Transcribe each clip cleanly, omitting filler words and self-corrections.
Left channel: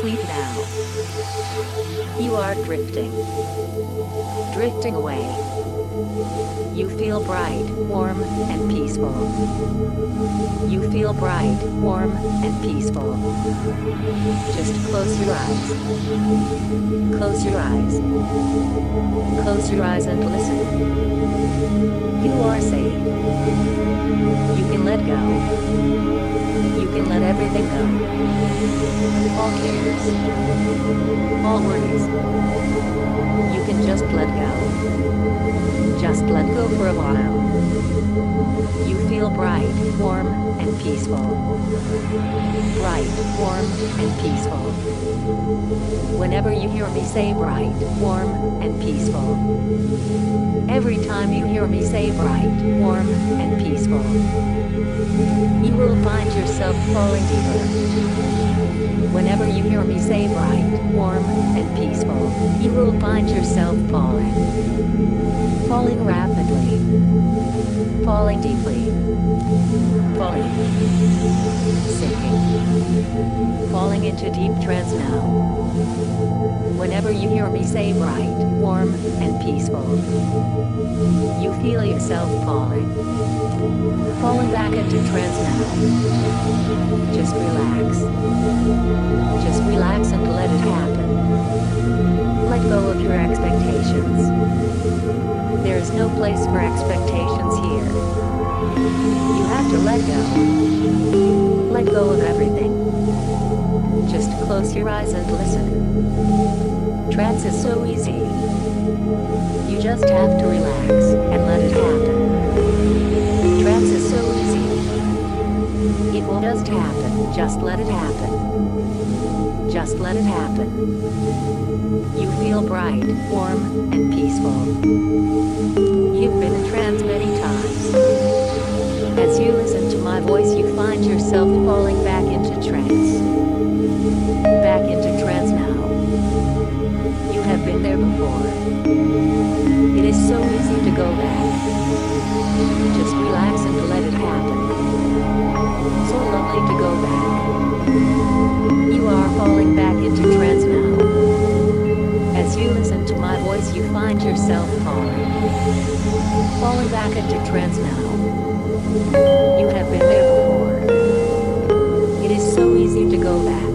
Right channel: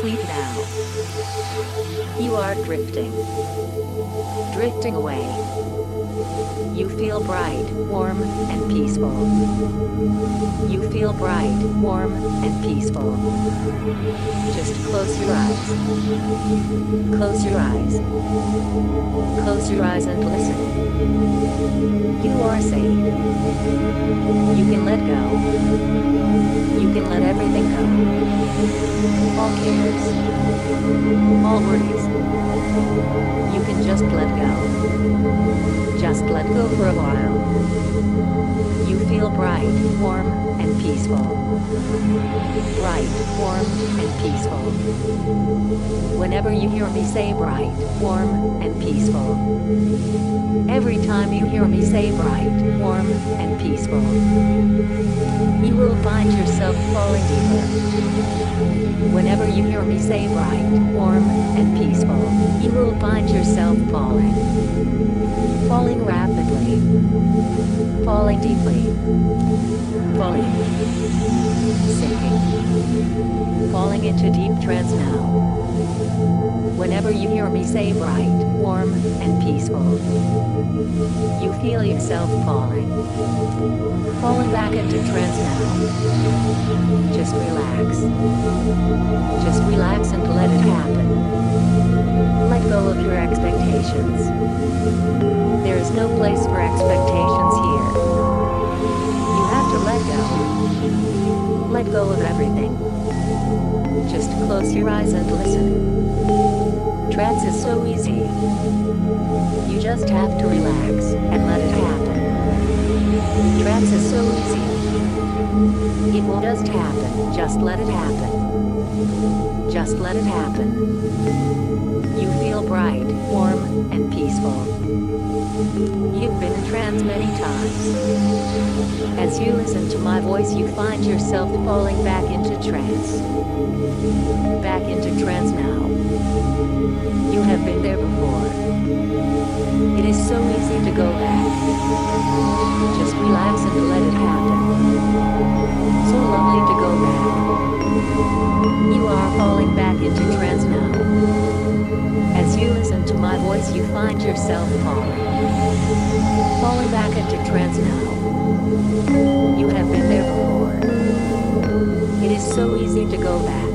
Sleep now. You are drifting. Drifting away. You feel bright, warm, and peaceful. You feel bright, warm, and peaceful. Just close your eyes. Close your eyes. Close your eyes and listen. You are safe. You can let go. You can let everything go. All cares. All worries. You can just let go. Just let go for a while. You feel bright, warm, and peaceful. Bright, warm, and peaceful. Whenever you hear me say bright, warm, and peaceful. Every time you hear me say bright, warm, and peaceful, you will find yourself falling deeper. Whenever you hear me say bright, warm, and peaceful, you will find yourself falling. Falling rapidly. Falling deeply. Falling. Sinking. Falling into deep trance now. Whenever you hear me say bright, warm, and peaceful, you feel yourself falling. Falling back into trance now. Just relax. Just relax and let it happen. Let go of your expectations. There is no place for expectations here. You have to let go. Let go of everything. Just close your eyes and listen. Trance is so easy. You just have to relax and let it happen. Trance is so easy. It will just happen. Just let it happen. Just let it happen. You feel bright, warm, and peaceful. You've been in trance many times. As you listen to my voice, you find yourself falling back into trance. Back into trance now. You have been there before. It is so easy to go back. Just relax and let it happen. So lovely to go back. You are falling back into trance now. As you listen to my voice, you find yourself falling. Falling back into trance now. You have been there before. It is so easy to go back.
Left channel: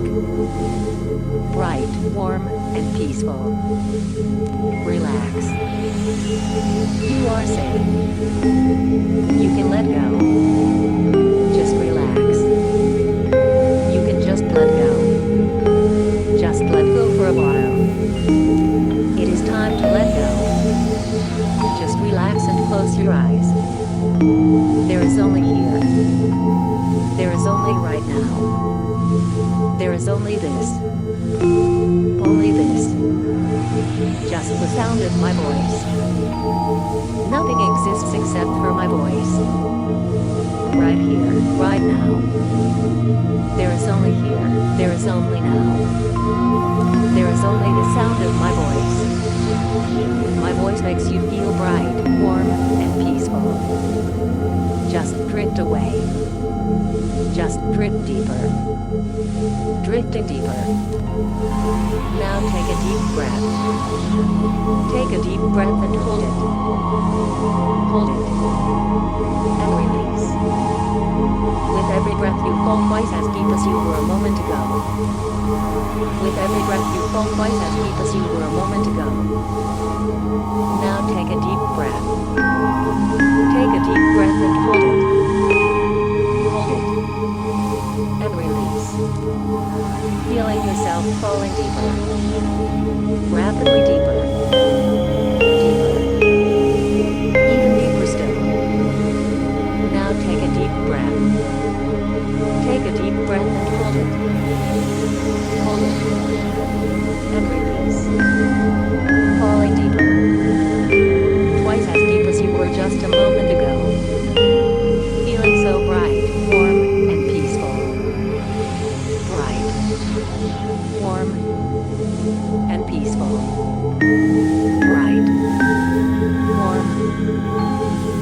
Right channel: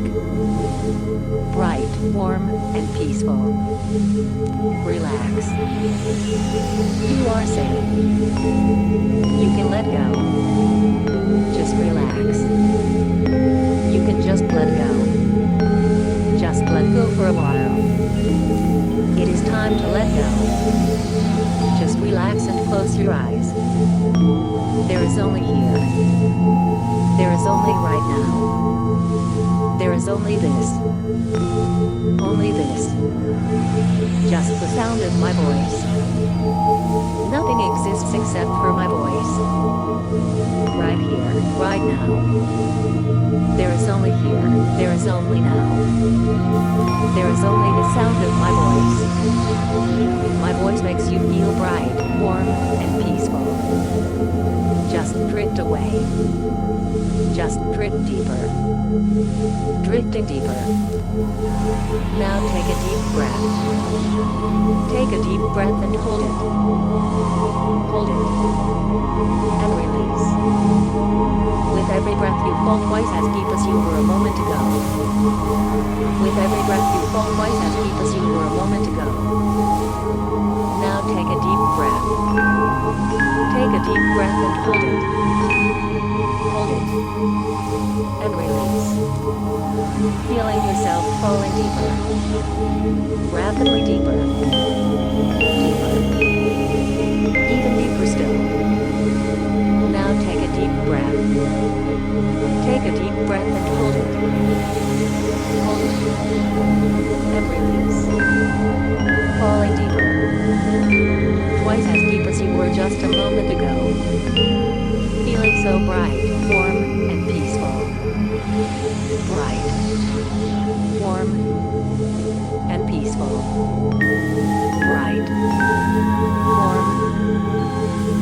Bright, warm, and peaceful. Relax. You are safe. You can let go. Just relax. You can just let go. Just let go for a while. It is time to let go. Just relax and close your eyes. There is only here. There is only right now. There is only this. Only this. Just the sound of my voice. Nothing exists except for my voice. Right here, right now. There is only here. There is only now. There is only the sound of my voice. My voice makes you feel bright, warm, and peaceful. Just drift away. Just drift deeper. Drifting deeper. Now take a deep breath. Take a deep breath and hold it. Hold it. And release. With every breath you fall twice as deep as you were a moment ago. With every breath you fall twice as deep as you were a moment ago. Now take a deep breath. Take a deep breath and hold it. Hold it. And release. Feeling yourself falling deeper. Rapidly deeper. Deeper. Even deeper still. Now take a deep breath. Take a deep breath and hold it. Hold it. And release. Falling deeper. Twice as deep as you were just a moment ago. Feeling so bright, warm, and peaceful. Bright, warm, and peaceful. Bright, warm,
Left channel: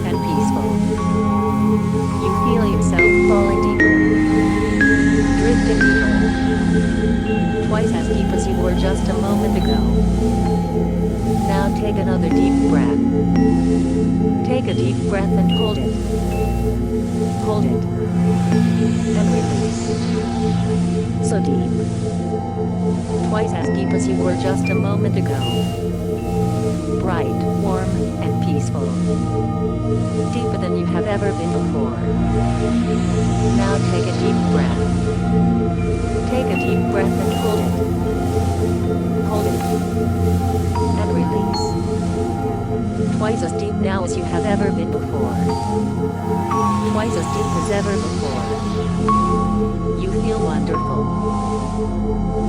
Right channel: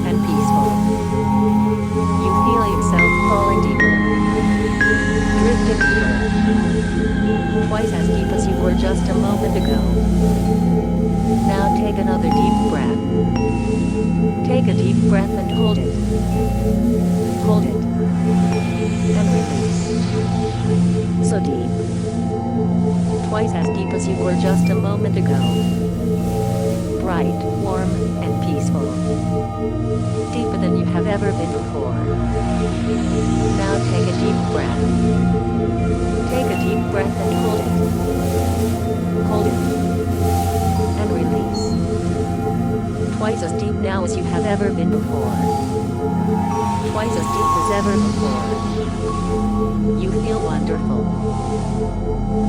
and peaceful. You feel yourself falling deeper. Drifting deeper. twice as deep as you were just a moment ago. Now take another deep breath. Take a deep breath and hold it. Hold it. And release. So deep. Twice as deep as you were just a moment ago. Bright, warm, and peaceful. Deeper than you have ever been before. Now take a deep breath. Take a deep breath and hold it. Hold it. And release. Twice as deep now as you have ever been before. Twice as deep as ever before. You feel wonderful.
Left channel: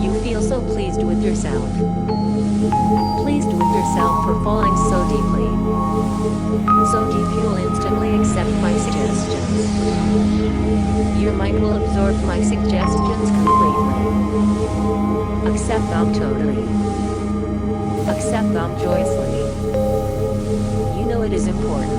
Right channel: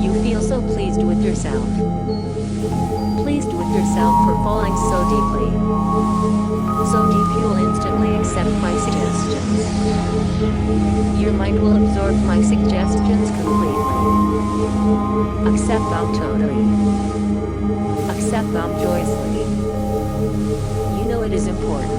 You feel so pleased with yourself. Pleased with yourself for falling so deeply. So deep you'll instantly accept my suggestions. Your mind will absorb my suggestions completely. Accept them totally. Accept them joyously. You know it is important.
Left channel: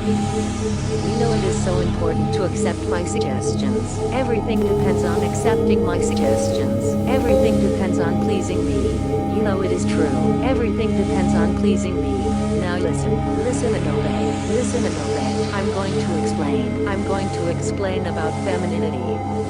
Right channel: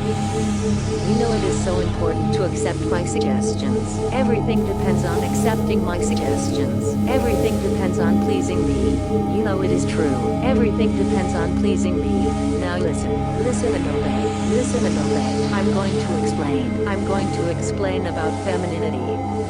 You know it is so important to accept my suggestions. Everything depends on accepting my suggestions. Everything depends on pleasing me. You know it is true. Everything depends on pleasing me. Now listen. Listen and obey. Listen and obey. I'm going to explain. I'm going to explain about femininity.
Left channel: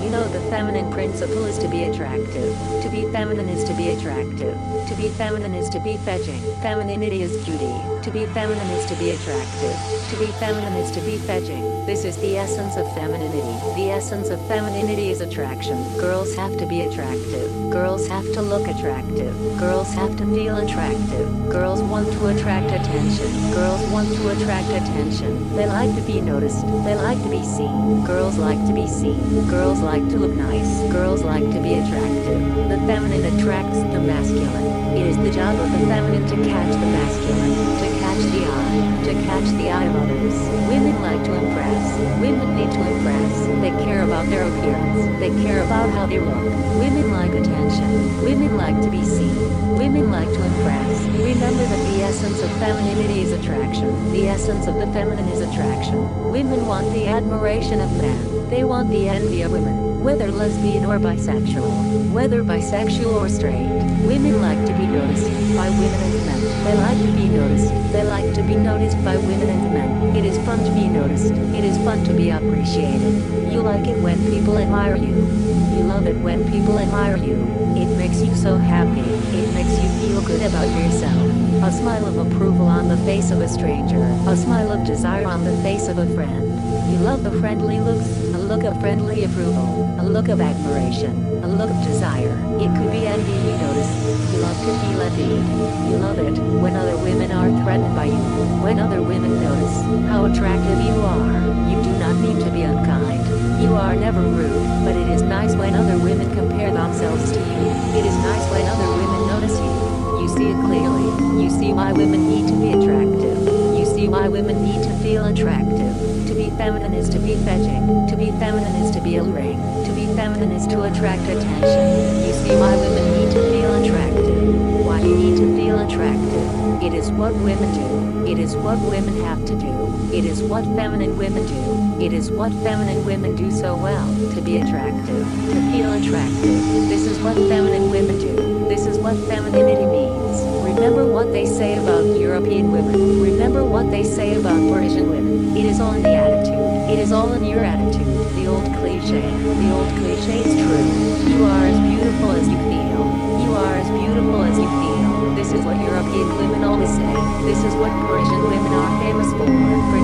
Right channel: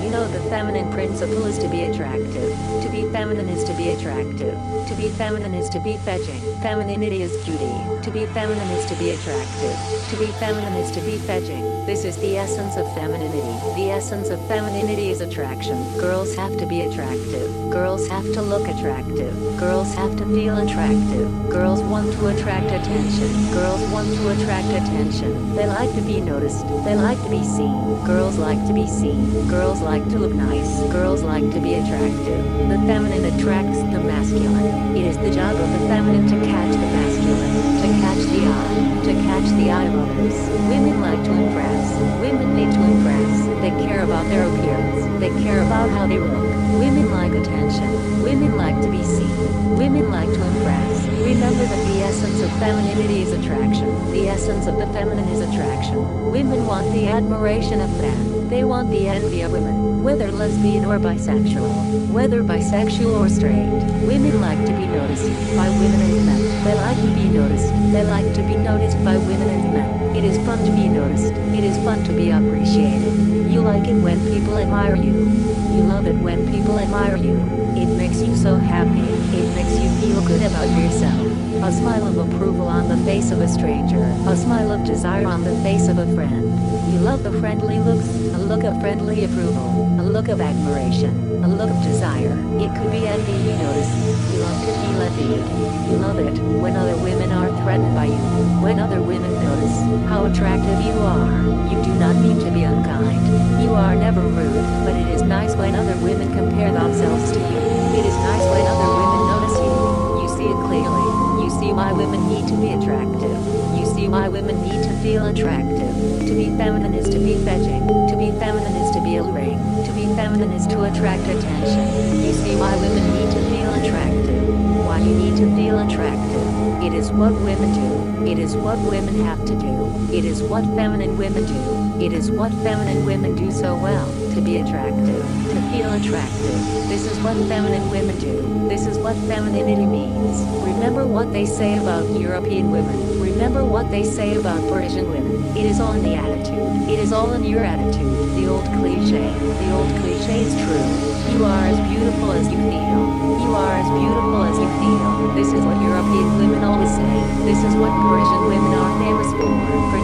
You know the feminine principle is to be attractive. To be feminine is to be attractive. To be feminine is to be fetching. Femininity is cutie. To be feminine is to be attractive. To be feminine is to be fetching. This is the essence of femininity. The essence of femininity is attraction. Girls have to be attractive. Girls have to look attractive. Girls have to feel attractive. Girls want to attract attention. Girls want to attract attention. They like to be noticed. They like to be seen. Girls like to be seen. Girls like to look nice. Girls like to be attractive. The feminine attracts the masculine. It is the job of the feminine to catch the masculine. To catch the eye. To catch the eye of others. Women like to impress. Women need to impress. They care about their appearance. They care about how they look. Women like attention. Women like to be seen. Women like to impress. Remember that the essence of femininity is attraction. The essence of the feminine is attraction. Women want the admiration of men. They want the envy of women, whether lesbian or bisexual, whether bisexual or straight. Women like to be noticed by women and men. They like to be noticed. They like to be noticed by women and men. It is fun to be noticed. It is fun to be appreciated. You like it when people admire you. You love it when people admire you. It makes you so happy. It makes you feel good about yourself. A smile of approval on the face of a stranger. A smile of desire on the face of a friend. You love the friendly looks, a look of friendly approval, a look of admiration, a look of desire. It could be envy you notice. You love to feel envied. You love it when other women are threatened by you. When other women notice how attractive you are. You do not mean to be unkind. You are never rude, but it is nice when other women compare themselves to you. It is nice when other women notice you. You see it clearly. You see why women need to be attractive. You see why women need to feel attractive. To be feminine is to be fetching. To be feminine is to be alluring. To be feminine is to attract attention. You see why women need to feel attractive. Why you need to feel attractive. It is what women do. It is what women have to do. It is what feminine women do. It is what feminine women do so well. To be attractive. To feel attractive. This is what feminine women do. This is what femininity means. Remember what they say about European women. Remember what they say about Persian women. It is all in the attitude. It is all in your attitude. The old cliche. The old cliche is true. You are as beautiful as you feel. You are as beautiful as you feel. This is what European women always say. This is what Persian women are famous for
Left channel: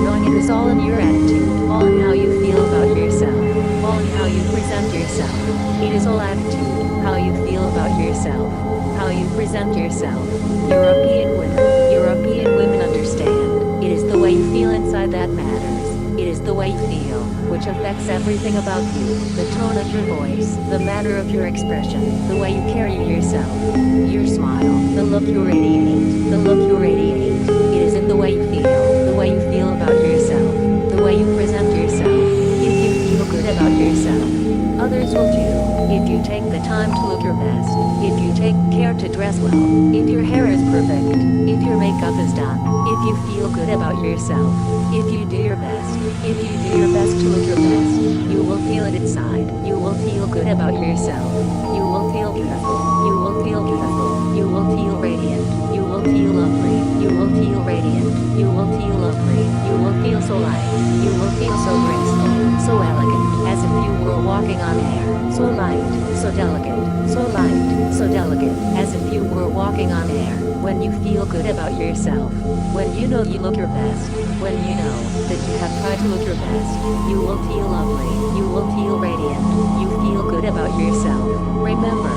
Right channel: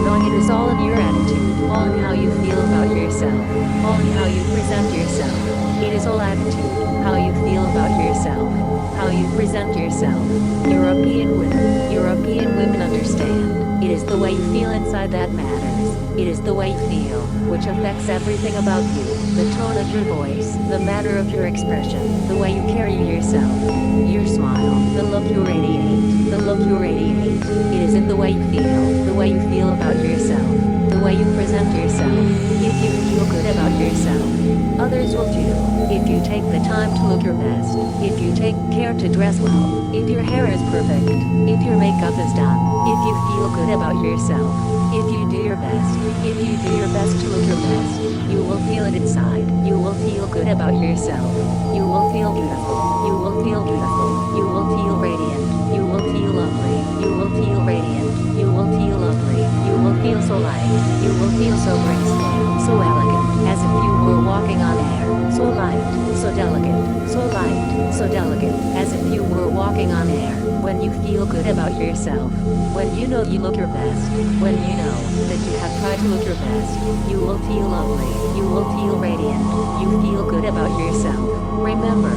knowing it is all in your attitude. All in how you feel about yourself. All in how you present yourself. It is all attitude. How you feel about yourself. How you present yourself. European women understand. It is the way you feel inside that matters. It is the way you feel, which affects everything about you. The tone of your voice, the manner of your expression, the way you carry yourself, your smile, the look you radiate, the look you radiate. It is in the way you feel about yourself, the way you present yourself. If you feel good about yourself, others will too. If you take the time to look your best, if you take care to dress well, if your hair is perfect, if your makeup is done, if you feel good about yourself, if you do your best to look your best, you will feel it inside. You will feel good about yourself. You will feel feel beautiful. You will feel beautiful. You will feel radiant. You will feel lovely. You will feel radiant. You will feel lovely. You will feel so light. You will feel so graceful, so elegant, as if you were walking on air. So light, so delicate, so light, so delicate, as if you were walking on air. When you feel good about yourself, when you know you look your best, when you know that you have tried to look your best, you will feel lovely, you will feel radiant, you feel good about yourself. Remember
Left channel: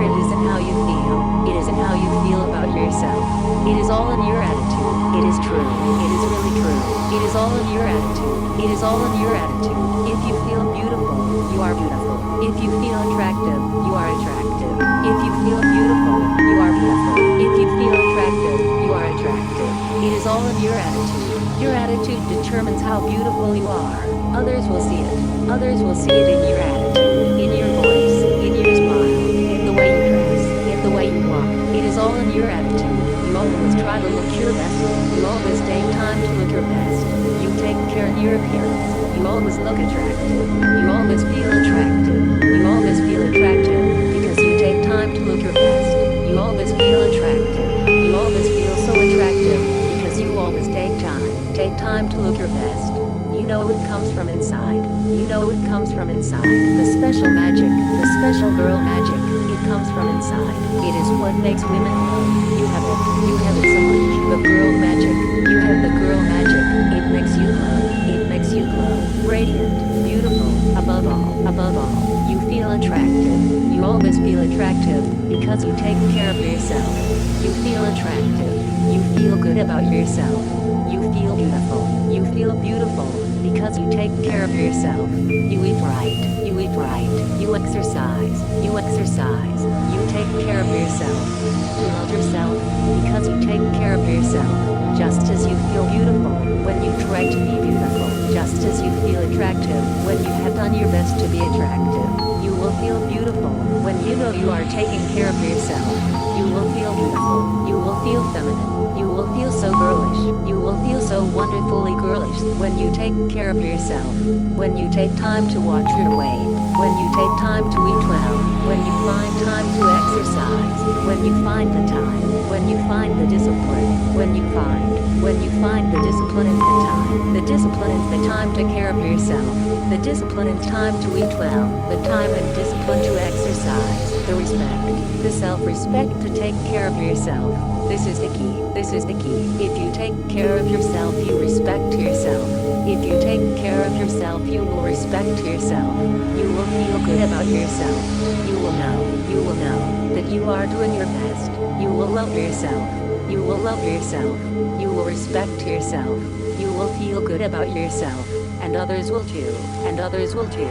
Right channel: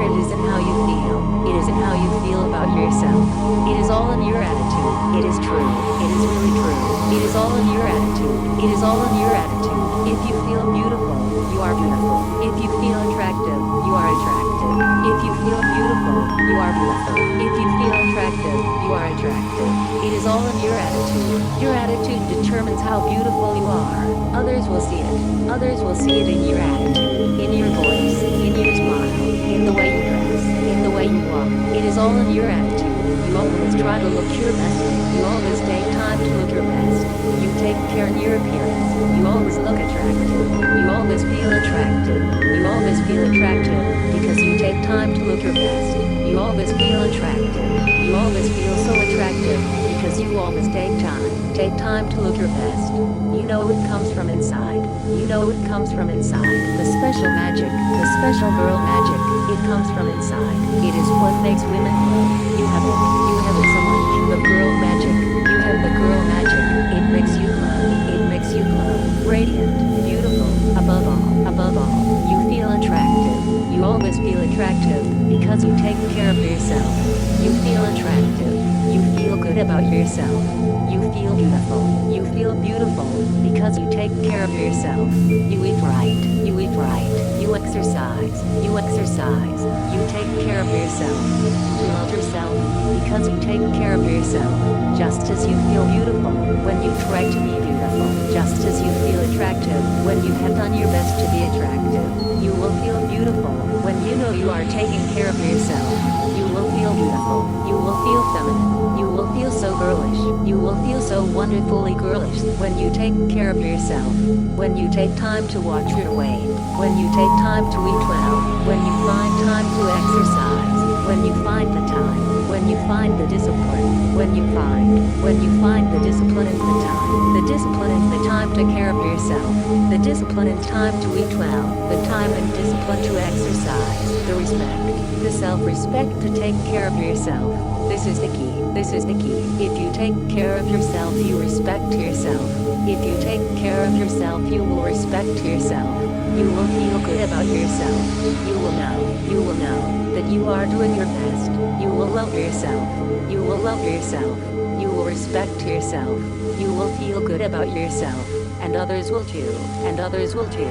it isn't how you feel, it isn't how you feel about yourself. It is all in your attitude. It is true, it is really true. It is all in your attitude. It is all in your attitude. If you feel beautiful, you are beautiful. If you feel attractive, you are attractive. If you feel beautiful, you are beautiful. If you feel attractive, you are attractive. It is all in your attitude. Your attitude determines how beautiful you are. Others will see it. Others will see it in your attitude, in your voice, in your smile, in the way you dress, in the way you walk. It is all in your attitude. You always try to look your best. You always take time to look your best. You take care in your appearance. You always look attractive. You always feel attractive. You always feel attractive because you take time to look your best. You always feel attractive. You always feel so attractive because you always take time to look your best. You know it comes from inside. You know it comes from inside. The special magic, the special girl magic, it comes from inside. It is what makes women glow. You have it. You have it so much. The girl magic. You have the girl magic. It makes you glow. It makes you glow. Radiant, beautiful, above all, you feel attractive. You always feel attractive because you take care of yourself. You feel attractive. You feel good about yourself. You feel beautiful. You feel beautiful because you take care of yourself. You eat right. You eat right. You exercise. You exercise. You take care of yourself. You love yourself because you take care of yourself. Just as you feel beautiful when you try to be beautiful. Just as you feel attractive when you have done your best to be attractive. You will feel beautiful when you know you are taking care of yourself. You will feel beautiful. You will feel feminine. You will feel so girlish. You will feel so wonderfully girlish when you take care of yourself. When you take time to watch your weight. When you take time to eat well. When you find time to exercise. When you find the time. When you find the discipline. When you find the discipline and the time. The discipline and the time to care of yourself. The discipline and time to eat well. The time and discipline to exercise. The respect. The self-respect to take care of yourself. This is the key. This is the key. If you take care of yourself, you respect yourself. If you take care of yourself, you will respect yourself. You will feel good about yourself. You will know that you are doing your best. You will love yourself. You will love yourself. You will respect yourself. You will feel good about yourself. And others will too. And others will too.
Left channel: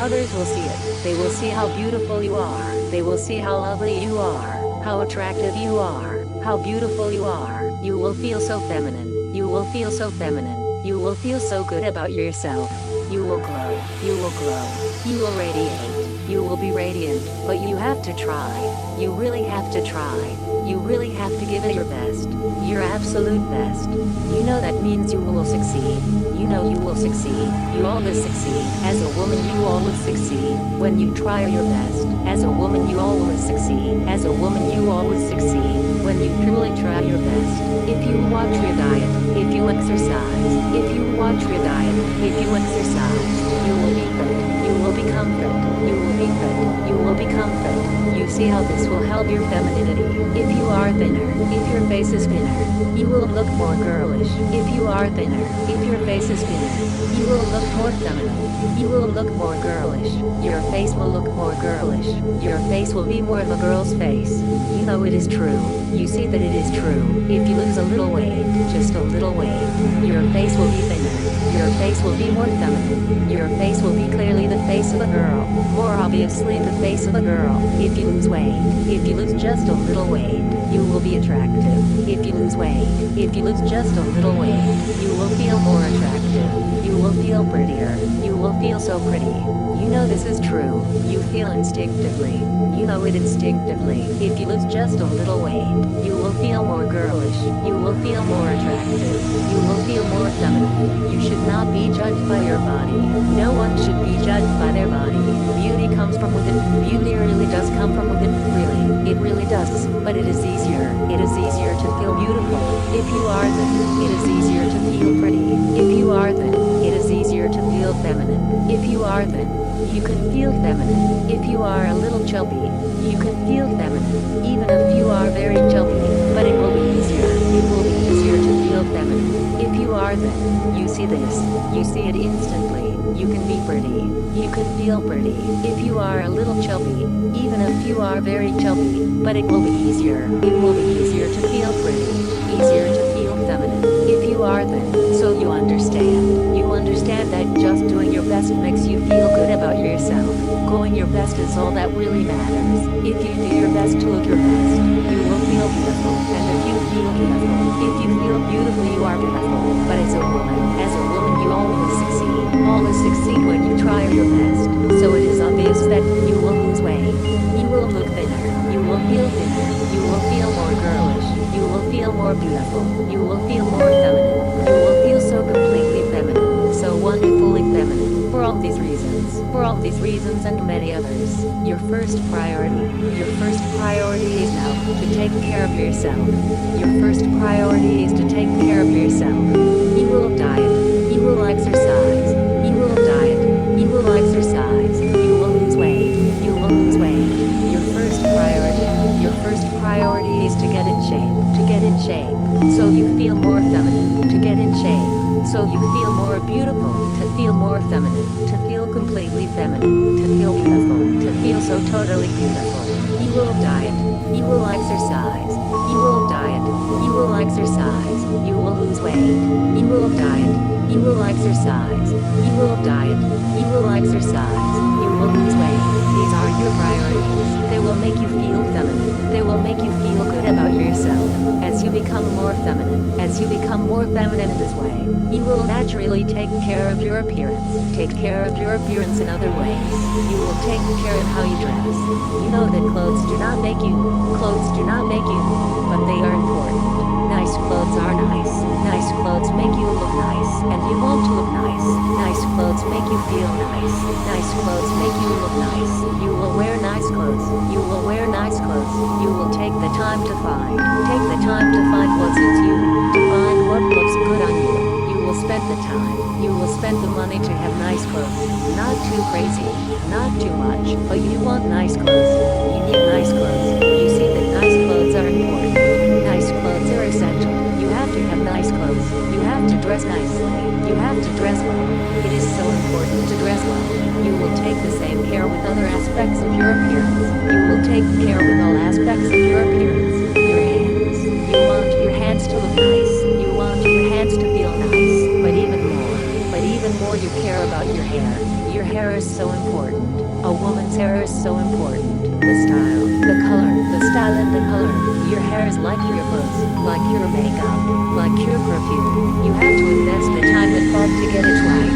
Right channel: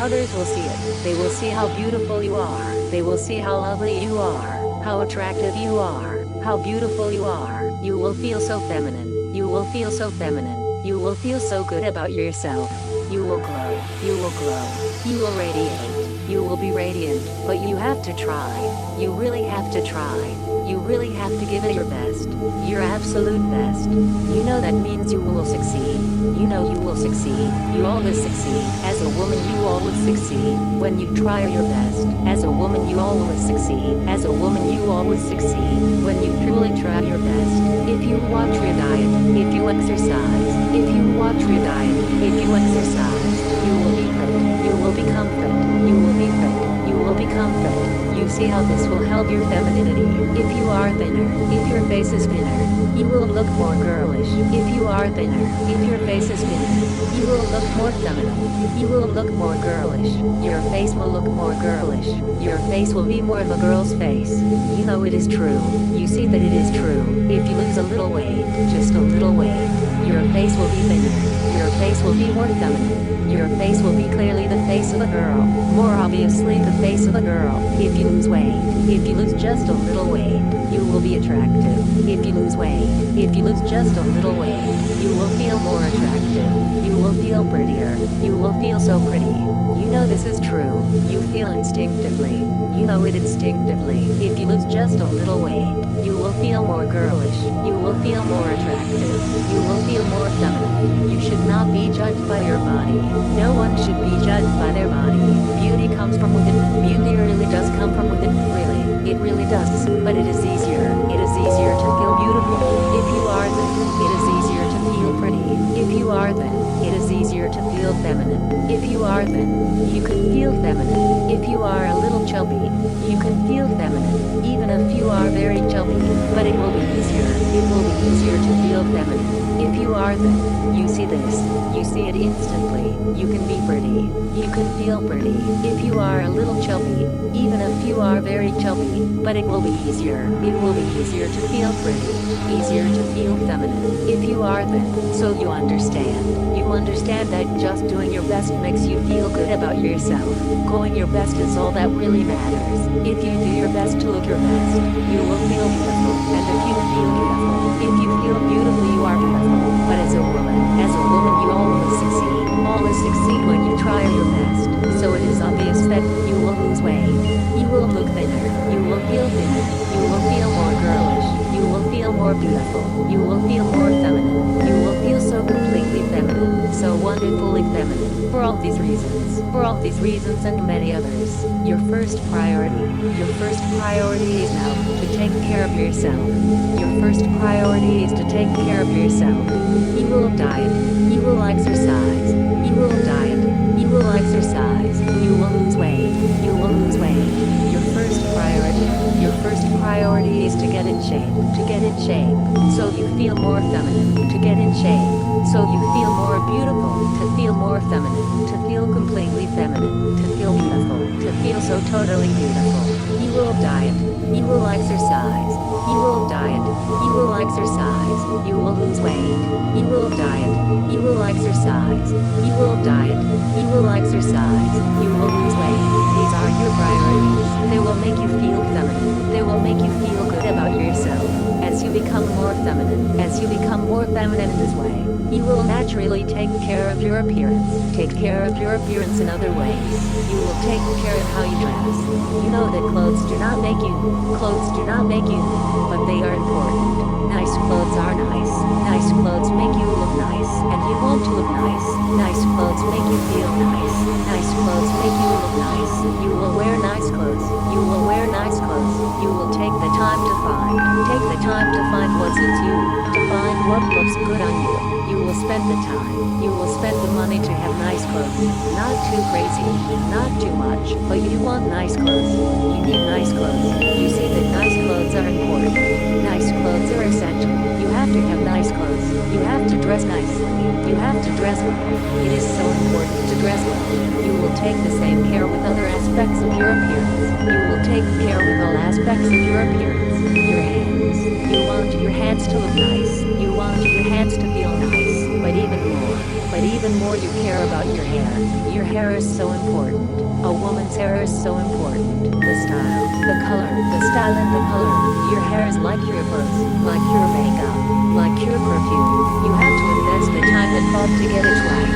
Others will see it. They will see how beautiful you are. They will see how lovely you are. How attractive you are. How beautiful you are. You will feel so feminine. You will feel so feminine. You will feel so good about yourself. You will glow. You will glow. You will radiate. You will be radiant. But you have to try. You really have to try. You really have to give it your best. Your absolute best. You know that means you will succeed. You know you will succeed. You always succeed. As a woman you always succeed. When you try your best. As a woman you always succeed. As a woman you always succeed. When you truly try your best. If you watch your diet. If you exercise. If you watch your diet. If you exercise. You will be fit. You will become fit. You will be fit. You will become fit. You see how this will help your femininity. If you are thinner, if your face is thinner, you will look more girlish. If you are thinner, if your face is thinner, you will look more feminine. You will look more girlish. Your face will look more girlish. Your face will be more of a girl's face. You know it is true. You see that it is true. If you lose a little weight, just a little weight, your face will be thinner. Your face will be more feminine. Your face will be clearly the face of a girl. More obviously the face of a girl. If you lose weight, if you lose just a little weight, you will be attractive. If you lose weight, if you lose just a little weight, you will feel more attractive. You will feel prettier. You will feel so pretty. You know this is true. You feel instinctively. You know it instinctively. If you lose just a little weight, you will feel more girlish. You will feel more attractive. You will feel more feminine. You should not be judged by your body. No one should be judged by their body. Beauty comes from within. Beauty really does come from within. Really, it really does. But it is easier. It is easier to feel beautiful. If you are thin, it is easier to feel pretty. If you are thin, it is easier to feel feminine. If you are thin, you can feel feminine. If you are a little chubby, you can feel feminine. Even if you are very chubby, but it will be easier. It will be easier to feel feminine. If you are thin, you see this. You see it instantly. You can be pretty. You can feel pretty. If you are a little chubby, even if you are very chubby, but it will be easier. It will be easier to feel pretty. Easier to feel feminine. If you are thin, so you understand. You understand that just doing your best makes you feel good about yourself. Going your best is all that really matters. If you do your best to look your best, you will feel beautiful. And if you feel beautiful, if you feel beautiful, you are beautiful. But as a woman you always succeed. Always succeed when you try your best. So it is obvious that you will lose weight. You will look thinner. You will feel thinner. You will feel more girlish. You will feel more beautiful. You will feel more feminine. You will feel so completely feminine. So wonderfully feminine. For all these reasons and many others, your first priority is now to take care of yourself. Your first priority is to take care of yourself. You will diet. You will exercise. You will diet. You will exercise. You will lose weight. You will lose weight. Your first priority is to get in shape. To get in shape, so you feel more feminine. To get in shape, so you feel more beautiful. To feel more feminine. To feel completely feminine. To feel beautiful. To feel so totally beautiful. You will diet. You will exercise. You will diet. You will exercise. You will lose weight. You will diet. You will exercise. You will diet. You will exercise. You will lose weight. These are your priorities. They will make you feel feminine. They will make you feel good about yourself. As you become more feminine, as you become more feminine in this way, you will naturally take care of your appearance. Take care of your appearance in other ways. You will take care of how you dress. You know that clothes do not make you. Clothes do not make you, but they are important. Nice clothes are nice. Nice clothes make you look nice, and you want to look nice. Nice clothes make you feel nice. Nice clothes make you look nice. You will wear nice clothes. You will wear nice clothes. You will take the time to find. Take the time to find what suits you. To find what looks good on you. You will spend the time. You will spend the money to have nice clothes. Not too crazy. Not too much. But you want nice clothes. You need nice clothes. You see that nice clothes are important. Nice clothes are essential. You have to have nice clothes. You have to dress nicely. You have to dress well. It is so important to dress well. You will take the same care with other aspects of your appearance. You will take care with all aspects of your appearance. Your hands. You want your hands to look nice. You want your hands to feel nice. But even more you care about your hair. Your hair is so important. A woman's hair is so important. The style, the color, the style and the color. Your hair is like your clothes, like your makeup, like your perfume. You have to invest the time and thought to get it right.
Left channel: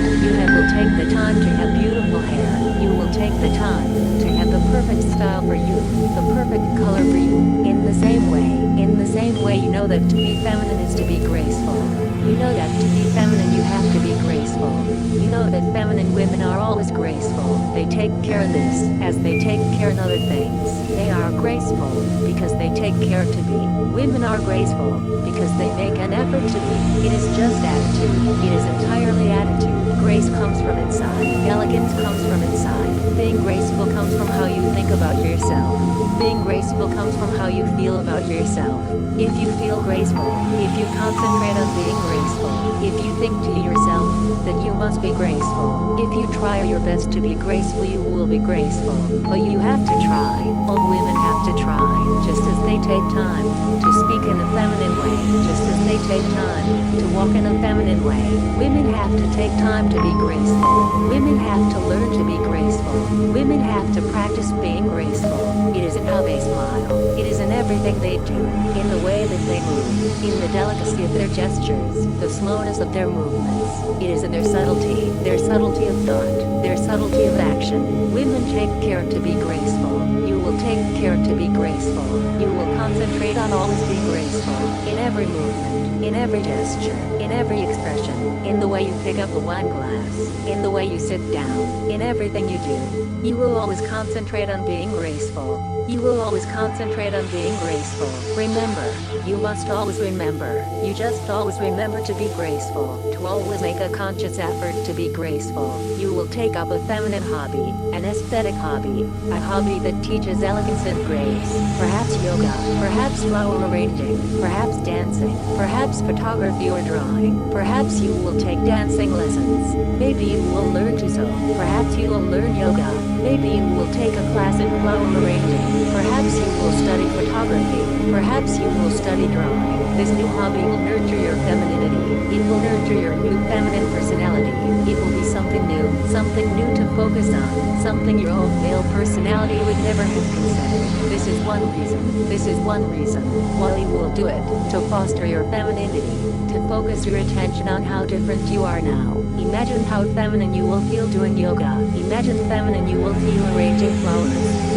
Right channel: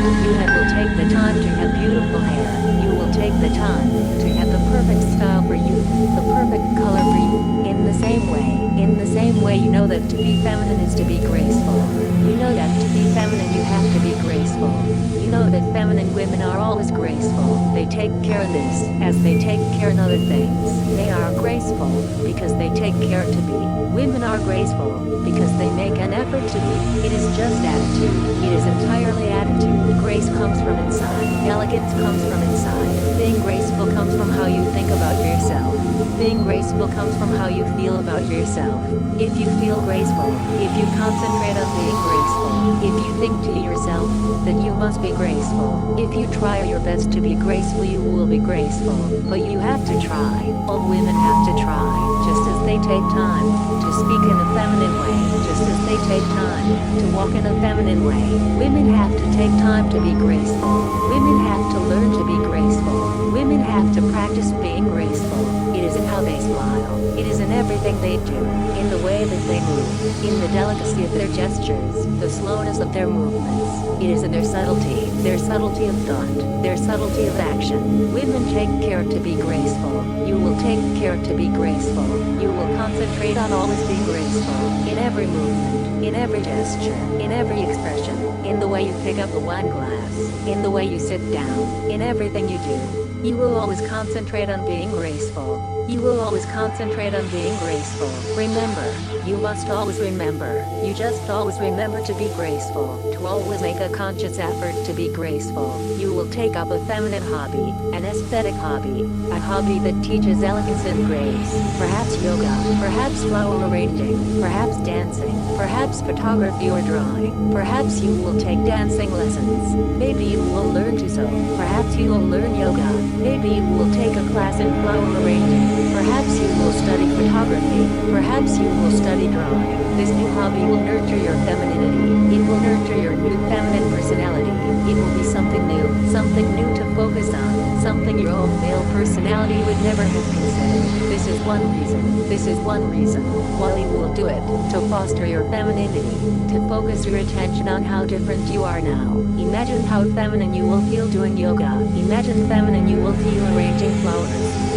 Will take the time to have beautiful hair. You will take the time to have the perfect style for you, the perfect color for you. In the same way you know that to be feminine is to be graceful. You know that to be feminine you have to be graceful. You know that feminine women are always graceful. They take care of this as they take care of other things. They are graceful because they take care to be. Women are graceful because they make an effort to be. It is just attitude. It is entirely attitude. Grace comes from inside. Elegance comes from inside. Being graceful comes from how you think about yourself. Being graceful comes from how you feel about yourself. If you feel graceful, if you concentrate on being graceful, if you think to yourself that you must be graceful, if you try your best to be graceful, you will be graceful. But you have to try. All women have to try, just as they take time to speak in a feminine way, just as they take time to walk in a feminine way. Women have to take time to be graceful. Women have to learn to be graceful. Women have to practice being graceful. It is in how they smile. It is in everything they do, in the way that they move, in the delicacy of their gestures, the slowness of their movements. It is in their subtlety of thought, their subtlety of action. Women take care to be graceful. You will take care to be graceful. You will concentrate on always being graceful, in every movement, in every gesture, in every expression, in the way you pick up a wine glass, in the way you sit down, in everything you do. You will always concentrate on being graceful. You will always concentrate on being graceful. Remember, you must always remember. You just always remember to be graceful, to always make a conscious effort to be graceful. You will take up a feminine hobby, an aesthetic hobby, a hobby that teaches elegance and grace. Perhaps yoga, perhaps flower arranging, perhaps dancing, perhaps photography or drawing. Perhaps you will take dancing lessons. Maybe you will learn to sew. Perhaps you will learn yoga. Maybe you will take a class in flower arranging. Perhaps you will study photography. Perhaps you will study drawing. This new hobby will nurture your femininity. It will nurture your new feminine personality. It will be something new to focus on, something your old male personality would never have considered. This is one reason why you will do it, to foster your femininity, to focus your attention on how different you are now. Imagine how feminine you will feel doing yoga. Imagine feminine you will feel arranging flowers.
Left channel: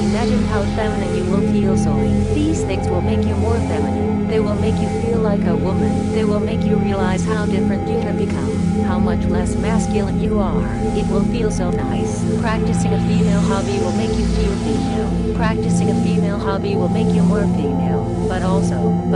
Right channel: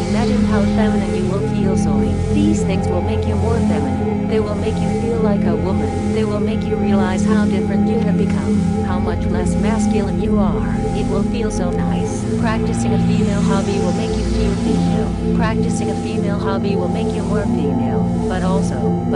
Imagine how feminine you will feel sewing. These things will make you more feminine. They will make you feel like a woman. They will make you realize how different you have become, how much less masculine you are. It will feel so nice. Practicing a female hobby will make you feel female. Practicing a female hobby will make you more female. But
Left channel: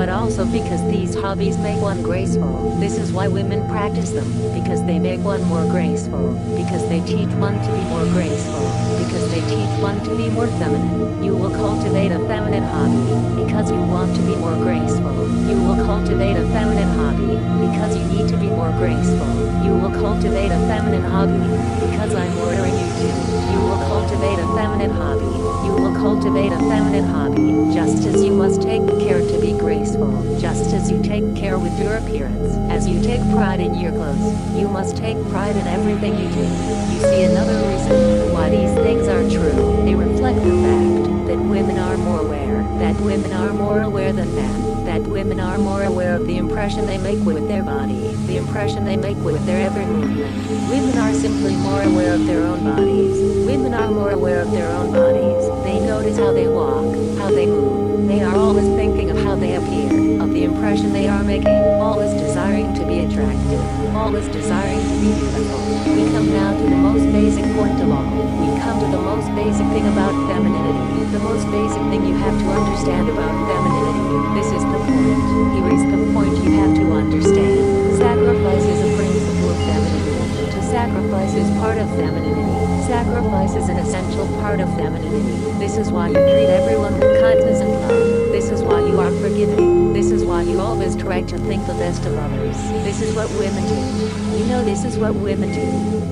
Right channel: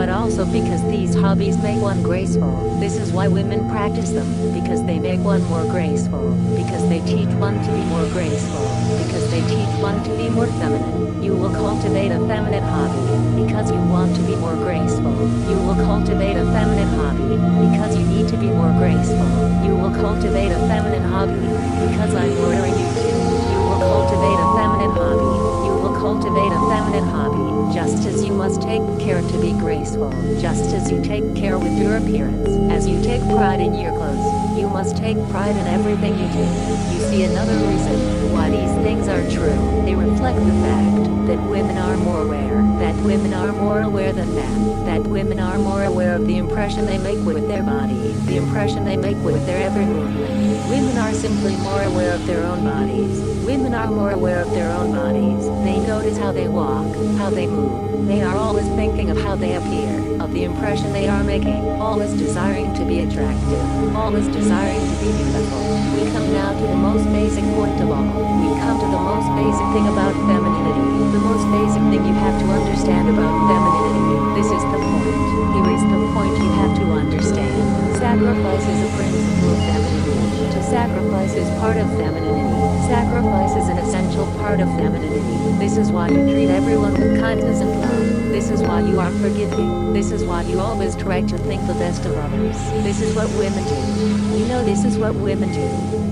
also because these hobbies make one graceful. This is why women practice them, because they make one more graceful, because they teach one to be more graceful, because they teach one to be more feminine. You will cultivate a feminine hobby because you want to be more graceful. You will cultivate a feminine hobby because you need to be more graceful. You will cultivate a feminine hobby because I'm ordering you to. You will cultivate a feminine hobby. You will cultivate a feminine hobby just as you must take care to be graceful. Just as you take care with your appearance, as you take pride in your clothes, you must take pride in everything you do. You see, another reason why these things are true. They reflect the fact that women are more aware, that women are more aware than men, that women are more aware of the impression they make with their body, the impression they make with their every movement. Women are simply more aware of their own bodies. Women are more aware of their own bodies. They notice how they walk, how they move. They are always thinking of how they appear, of the impression they are making, always desiring to be attractive, always desiring to be beautiful. We come now to the most basic point of all. We come to the most basic thing about femininity. The most basic thing you have to understand about femininity. This is the point. Here is the point you have to understand. Sacrifice is a principle of femininity. To sacrifice is part of femininity. Sacrifice is an essential part of femininity. This is why you treat everyone with kindness and love. This is why you are forgiving. This is why you always try to think the best of others. This is what women do. You know this is what women do.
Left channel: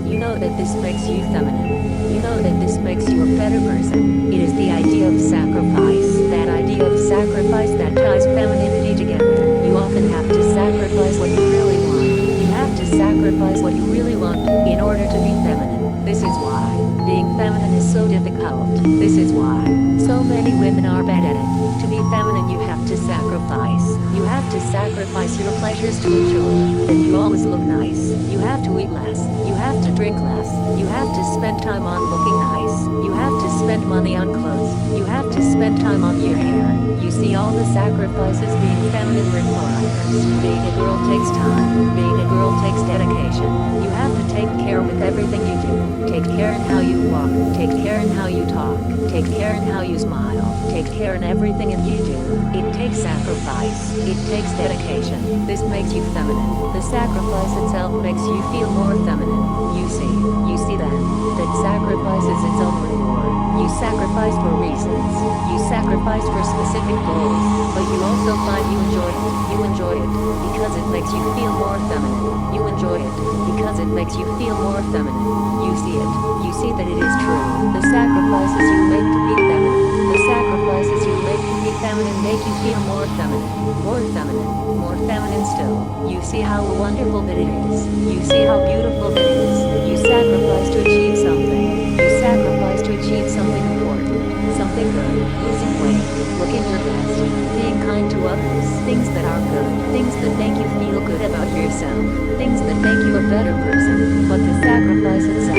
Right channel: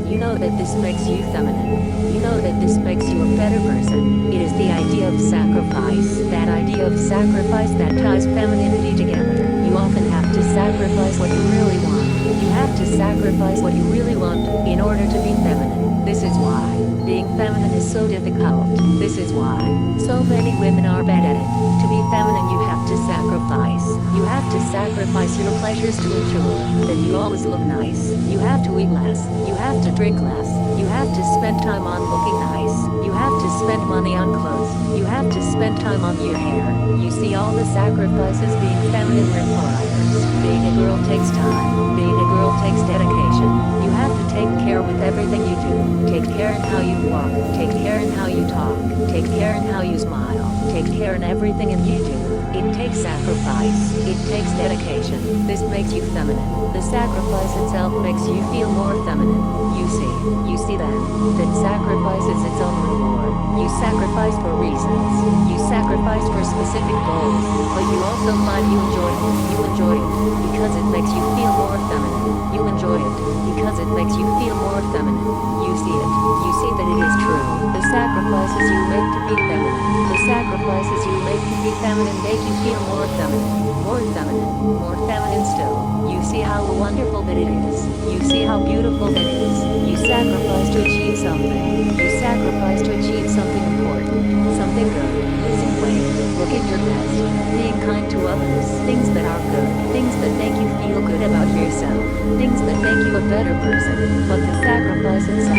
You know that this makes you feminine. You know that this makes you a better person. It is the idea of sacrifice. That idea of sacrifice that ties femininity together. You often have to sacrifice what you really want. You have to sacrifice what you really want in order to be feminine. This is why being feminine is so difficult. This is why so many women are bad at it. To be feminine, you have to sacrifice. You have to sacrifice your pleasures to ensure that you always look nice. You have to eat less. You have to drink less. You have to spend time on looking nice. You have to spend money on clothes. You have to spend time on your hair. You see all the sacrifices being feminine requires. Being a girl takes time. Being a girl takes dedication. You have to take care with everything you do. Take care in how you walk. Take care in how you talk. Take care in how you smile. Take care in everything you do. It takes sacrifice. It takes dedication. This makes you feminine. The sacrifice itself makes you feel more feminine. You see then, that sacrifice is its own reward. You sacrifice for reasons. You sacrifice for specific goals. But you also find you enjoy it. You enjoy it because it makes you feel more feminine. You enjoy it because it makes you feel more feminine. You see it. You see that it is true. The sacrifices you make to be feminine. The sacrifices be feminine make you feel more feminine, more feminine, more feminine still. You see how wonderful that it is. You see how beautiful that is. You sacrifice to achieve something. You sacrifice to achieve something important, something good, losing weight, looking your best, being kind to others, things that are good, things that make you feel good about yourself, things that make you a better person. But the sacrifice itself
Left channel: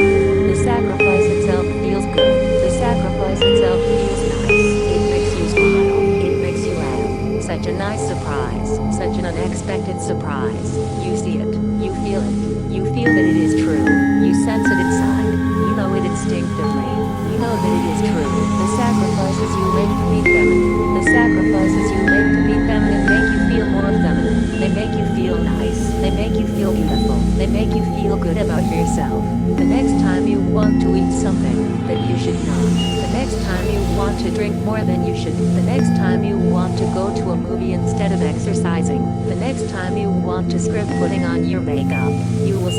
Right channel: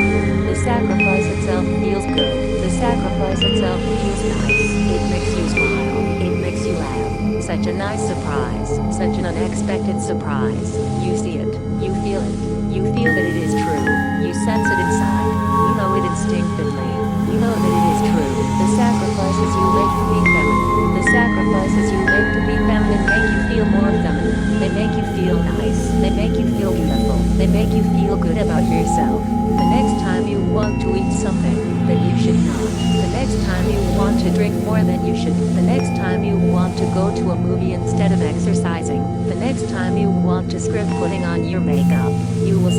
feels good. The sacrifice itself feels nice. It makes you smile. It makes you laugh. Such a nice surprise. Such an unexpected surprise. You see it. You feel it. You feel that it is true. You sense it inside. You know it instinctively. You know that it is true. The sacrifices you make to be feminine. The sacrifices you make to be feminine make you feel more feminine. They make you feel nice. They make you feel beautiful. They make you feel good about yourself. The next time you want to eat something that you should not. The next time you want to drink more than you should. The next time you want to go to a movie instead of exercising. The next time you want to skip putting on your makeup. You will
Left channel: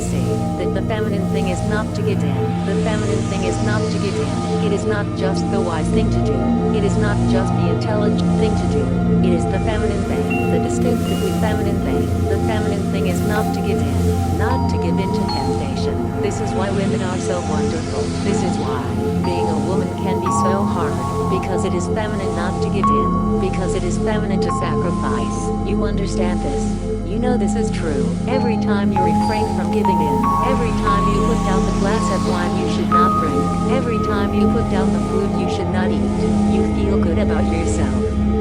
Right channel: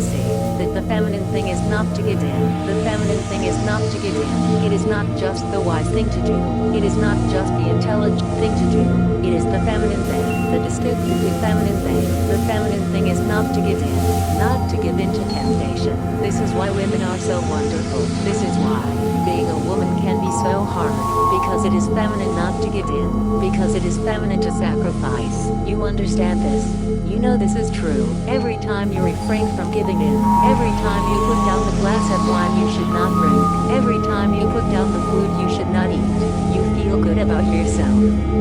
see that the feminine thing is not to give in. The feminine thing is not to give in. It is not just the wise thing to do. It is not just the intelligent thing to do. It is the feminine thing, the distinctively feminine thing. The feminine thing is not to give in, not to give in to temptation. This is why women are so wonderful. This is why being a woman can be so hard, because it is feminine not to give in, because it is feminine to sacrifice. You understand this? You know this is true. Every time you refrain from giving in, every time you put down the glass of wine you should not drink, every time you put down the food you should not eat, you feel good about yourself.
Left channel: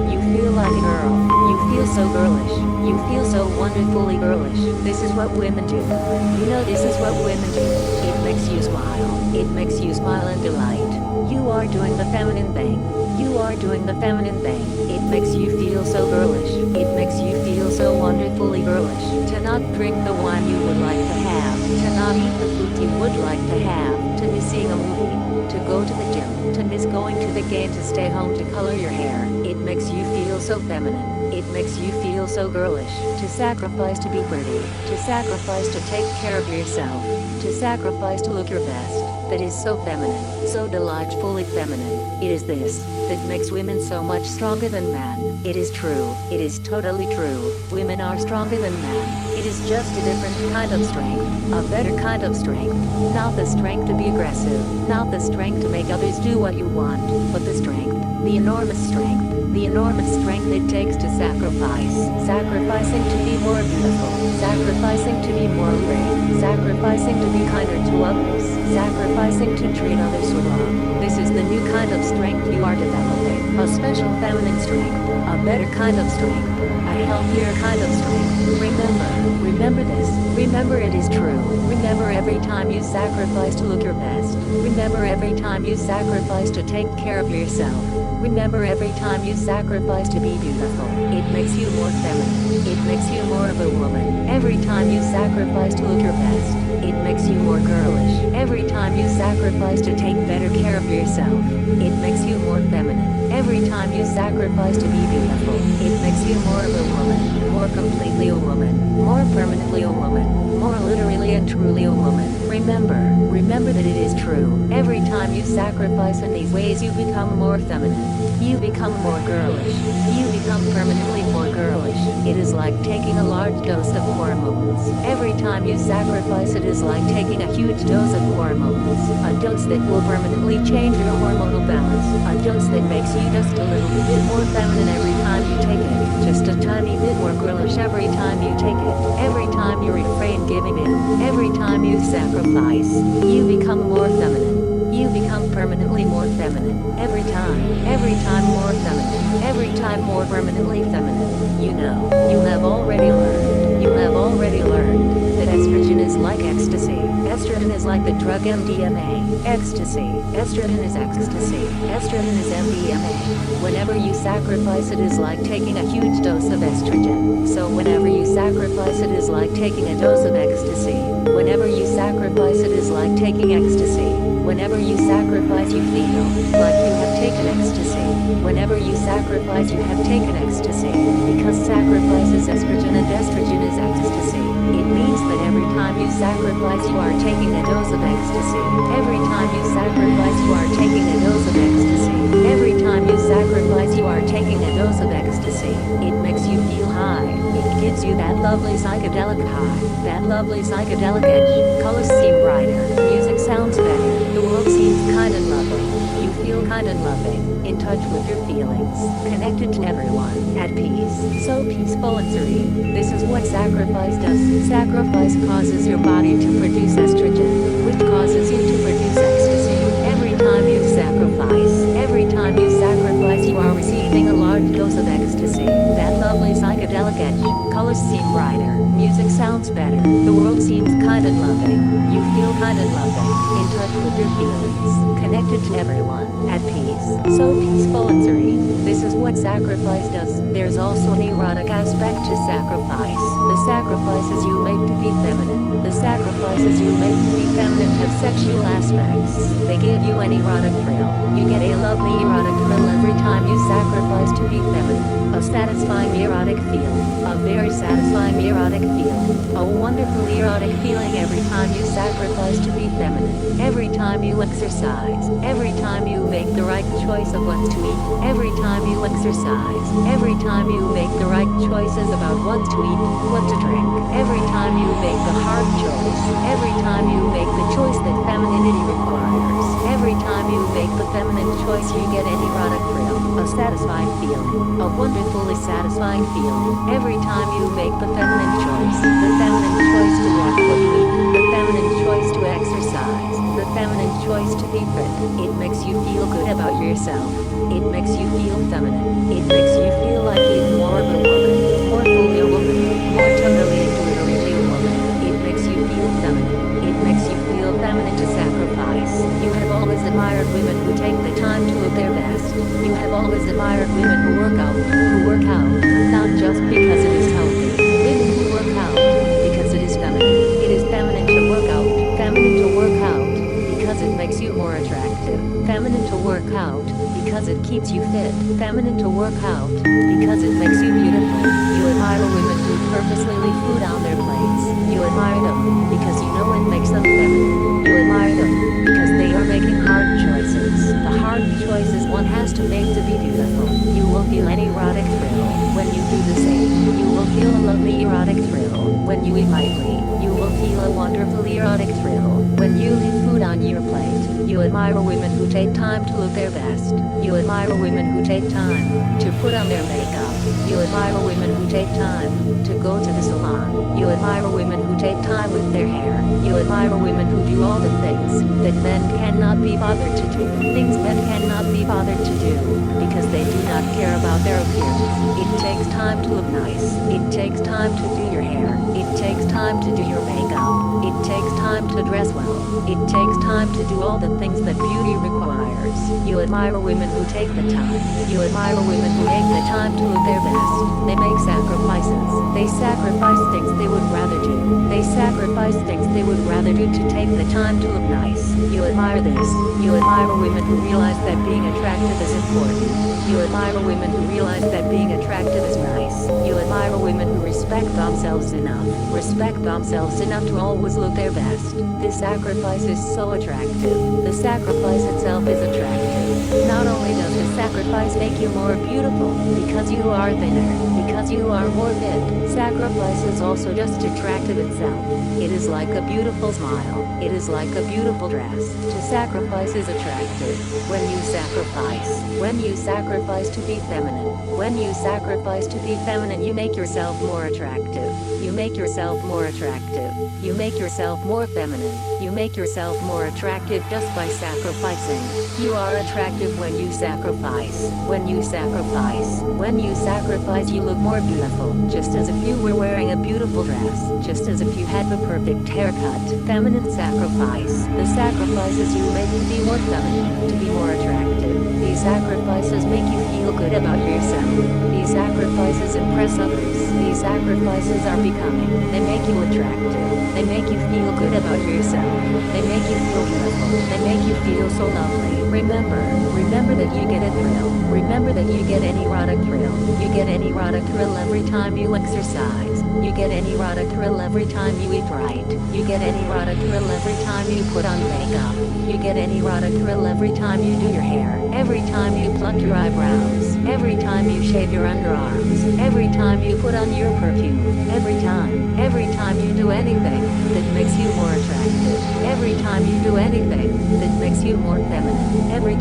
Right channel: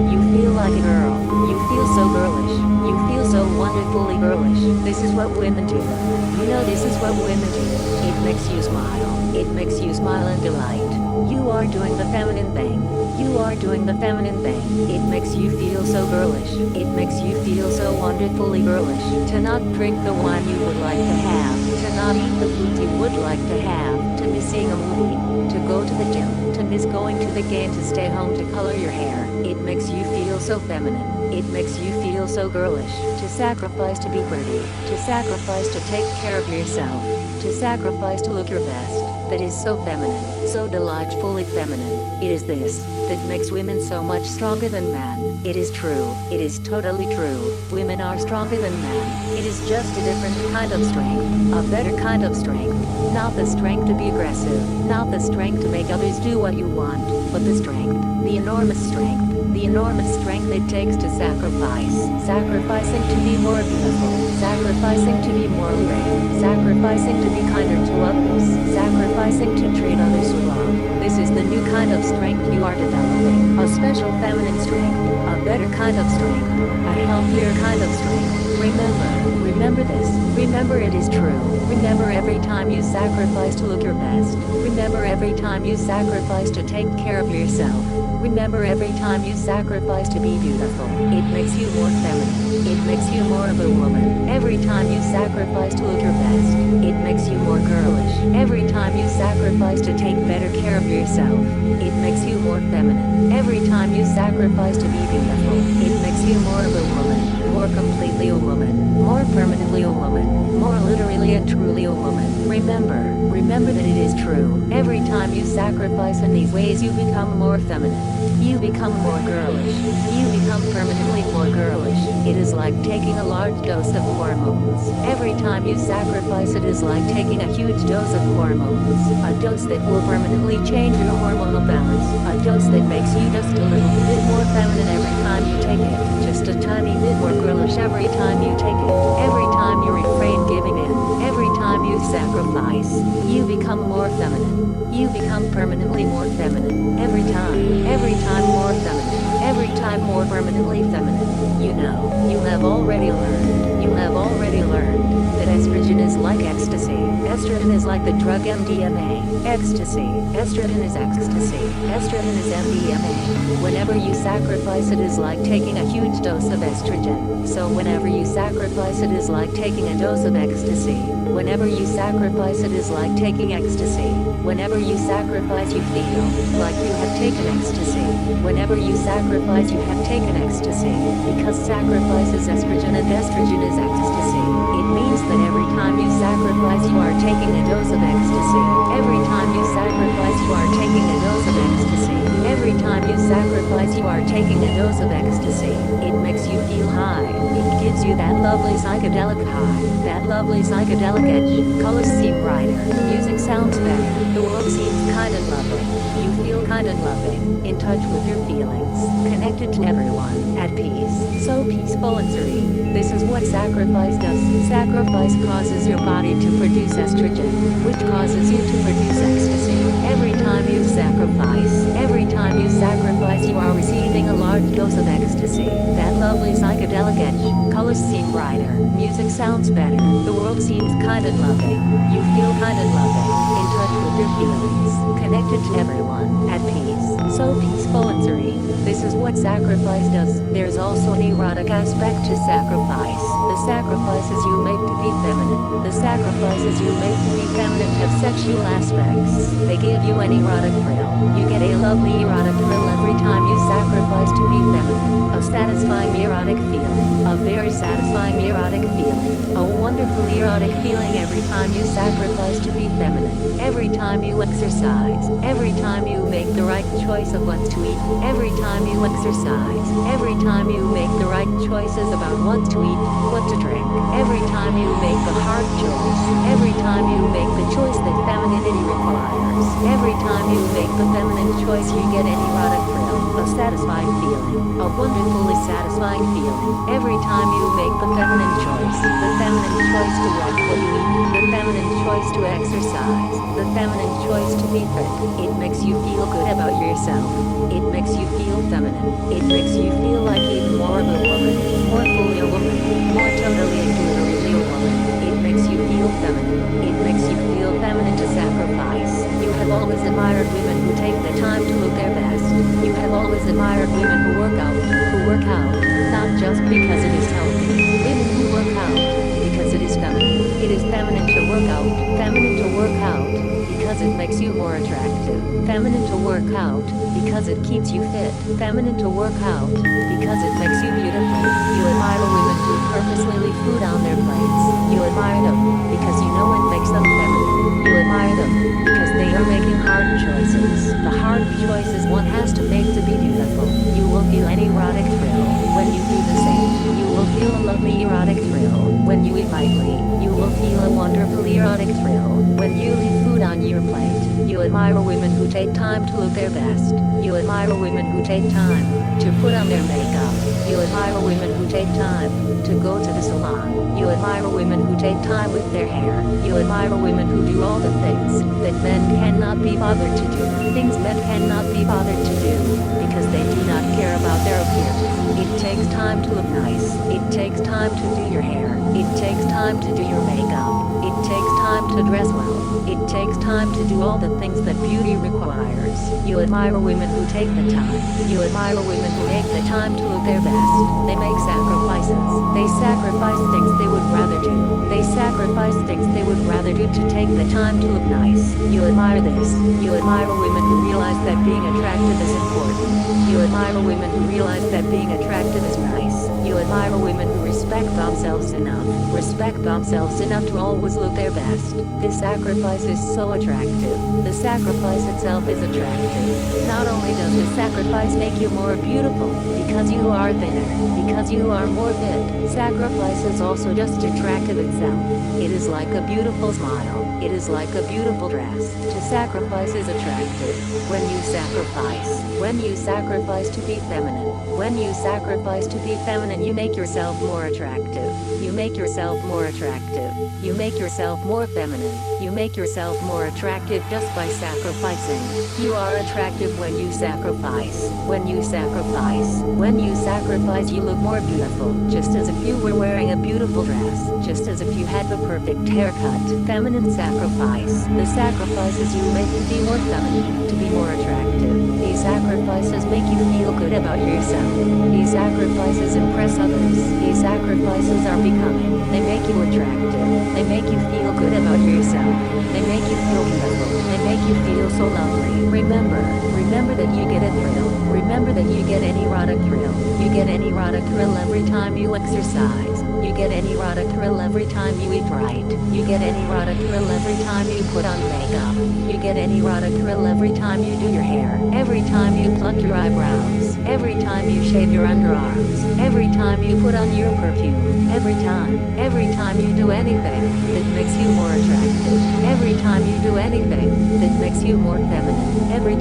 You feel like a girl. You feel so girlish. You feel so wonderfully girlish. This is what women do. You know this is what women do. It makes you smile. It makes you smile and delight. You are doing the feminine thing. You are doing the feminine thing. It makes you feel so girlish. It makes you feel so wonderfully girlish. To not drink the wine you would like to have. To not eat the food you would like to have. To miss seeing a movie. To go to the gym. To miss going to the game. To stay home to color your hair. It makes you feel so feminine. It makes you feel so girlish. To sacrifice to be pretty. To sacrifice to take care of yourself. To sacrifice to look your best. That is so feminine. So delightfully feminine. It is this that makes women so much stronger than men. It is true. It is totally true. Women are stronger than men. It is just a different kind of strength. A better kind of strength. Not the strength to be aggressive. Not the strength to make others do what you want. But the strength. The enormous strength. The enormous strength it takes to sacrifice. Sacrificing to be more beautiful. Sacrificing to be more alluring. Sacrificing to be kinder to others. Sacrificing to treat others with love. This is the new kind of strength you are developing. A special feminine strength. A better kind of strength. A healthier kind of strength. Remember this. Remember it is true. Remember every time you sacrifice to look your best. Remember every time you sacrifice to take care of yourself. Remember every time you sacrifice to be beautiful. It makes you more feminine. It makes you more of a woman. Every time you sacrifice to look your best. It makes you more girlish. Every time you sacrifice to take better care of yourself. It makes you more feminine. Every time you sacrifice to be beautiful. It makes you more of a woman. More completely a woman. More permanently a woman. More literally and truly a woman. Remember that it is true. Every time you sacrifice in these ways you become more feminine. You become more girlish. You become permanently more girlish. It is like taking a large dose of hormones. Every time you sacrifice it is like taking a huge dose of hormones. A dose that will permanently change your hormonal balance. A dose that makes you just a little bit more feminine every time you take it. Just a tiny bit more girlish every time you take it. Every time you refrain giving in. Every time you sacrifice. You become more feminine. You become permanently more feminine. Every time more feminine. Every time more permanently feminine. You know, you have already learned that estrogen is like ecstasy. Estrogen is like the drug MDMA. Ecstasy. Estrogen is ecstasy. Estrogen is MDMA. Whenever you sacrifice it is like taking a huge dose of estrogen. So whenever you sacrifice it is like taking a dose of ecstasy. Whenever you sacrifice it is like taking ecstasy. Whenever you sacrifice you feel like you have taken ecstasy. Whenever you sacrifice you have taken ecstasy. Because sacrifice is estrogen and estrogen is ecstasy. It means that every time you sacrifice you are taking a dose of ecstasy. Every time you sacrifice you are taking a dose of ecstasy. Every time time you sacrifice, you are taking a dose of ecstasy. It makes you feel high. It gives you that lovely psychedelic high, that lovely psychedelic edge. Colors seem brighter, music sounds better, the world seems kind and loving. You feel kind and loving, in touch with your feelings, connected to everyone, at peace, so peaceful and serene. This is what sacrifice does. Sacrifice causes your body to produce estrogen, which causes you to produce ecstasy. Every time you sacrifice, you are receiving a large dose of ecstasy. That lovely psychedelic edge. Colors seem brighter, music sounds better, the world seems kind and loving. You feel kind and loving, in touch with your feelings, connected to everyone, at peace, so peaceful and serene. This is what sacrifice does. There's also an erotic aspect to sacrifice. The sacrifices you make to be feminine. The sacrifices you make to be feminine have sexual aspects. They give you an erotic thrill. You get a lovely erotic thrill every time you sacrifice to be feminine. A satisfying erotic feeling. A very satisfying erotic feeling. A wonderful erotic feeling every time you sacrifice to be feminine. Every time you exercise. Every time you make the right choice of what to eat. Every time you exercise. Every time you make the right choices about what to eat, what to drink. Every time you make the hard choice. Every time you make the choice that femininity requires. Every time you make the feminine choice, you get an erotic thrill. A satisfying feeling. A wonderfully satisfying feeling. Every time you make the feminine choice. The feminine choice to watch what you eat. The feminine choice to exercise. The feminine choice to be fit. It makes you feel good about yourself. It makes you feel feminine. It makes you feel like even more of a woman. More fully a woman. More totally and literally a woman. It makes you feel feminine. It makes you feel feminine to sacrifice. You have always admired women who take the time to look their best. You have always admired women who work out, not just because it is healthy. Women who work out because it is feminine. It is feminine to work out. Feminine to work out because it makes you more attractive. Feminine to work out because it keeps you fit. Feminine to work out because it makes you beautiful. You admire women who purposely leave food on their plates. You admire them because you know it makes them feminine. You admire them because they are making hard choices. The hard choices one has to make to be beautiful. You will feel an erotic thrill when you do the same. You will feel a lovely erotic thrill when you eat lightly. You will feel a wonderful erotic thrill when you leave food on your plate. You admire women who take time to look their best. You admire women who take time to put on their makeup. You admire women who take time to go to the salon. You admire women who take time with their hair. You admire women who do all the things that men cannot be bothered to do. Things men cannot be bothered to do because they do not care about their appearance. It takes time to look nice. It takes time to do your hair. It takes time to do your makeup. It takes time to dress well. It takes time to do all the things that beauty requires. You admire women who take the time. You admire women who take the time to look their best. They make sacrifices. They sacrifice things they would rather do. They sacrifice things they would rather do to take the time to look nice. You admire this. You admire women who realize that being attractive is important. You admire women who realize that being attractive is nice. You admire women who respect themselves enough to always look their best. This sacrifice is so attractive. The sacrifice itself is attractive. Not only does the sacrifice make you more beautiful because you are thinner, because you are more fit, sacrifice is also just attractive itself. It is like a beautiful smile. It is like a beautiful dress. To sacrifice is attractive. When you sacrifice to be feminine, when you sacrifice to be feminine, you make yourself more attractive. You make yourself more attractive. You make yourself more feminine. You make yourself more attractive just by sacrificing. You are attractive when you sacrifice. When you sacrifice. When you sacrifice, you look more beautiful. Just as if you were wearing a beautiful dress. Just as if you had the perfect haircut. Feminine sacrifice. The sacrifices you make to be more feminine, to be more attractive. These sacrifices make you feel good about yourself. These sacrifices impress others. These sacrifices are becoming. They make you attractive. They make you feel good about yourself. They make you feel beautiful. They make you feel so lovely. Remember Remember that you get a thrill. Remember that you get an erotic thrill. You get an erotic thrill every time you exercise. You get an erotic thrill every time you eat right. You get an erotic thrill every time you put on makeup. You get an erotic thrill every time you do your hair. Every time you pluck your eyebrows. Every time you shave your underarms. Every time you put on your perfume. Every time you do anything that makes you more attractive. Every time you do anything that makes you more feminine. Every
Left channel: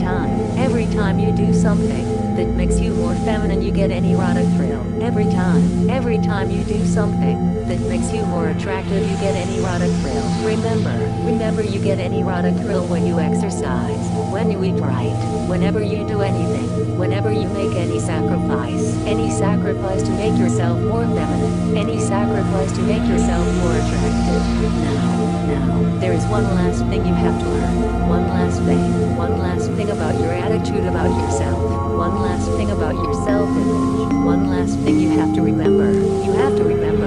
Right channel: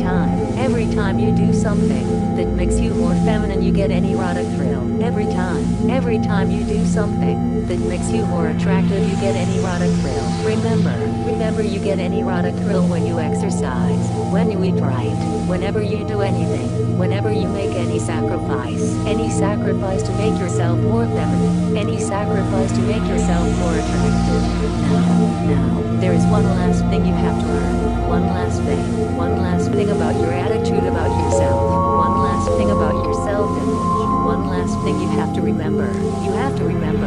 time you do something that makes you more feminine, you get an erotic thrill. Every time you do something that makes you more attractive, you get an erotic thrill. Remember you get an erotic thrill when you exercise, when you eat right, whenever you do anything, whenever you make any sacrifice to make yourself more feminine, any sacrifice to make yourself more attractive. Now, there is one last thing you have to learn. One last thing about your attitude about yourself. One last thing about your self-image. One last thing you have to remember. You have to remember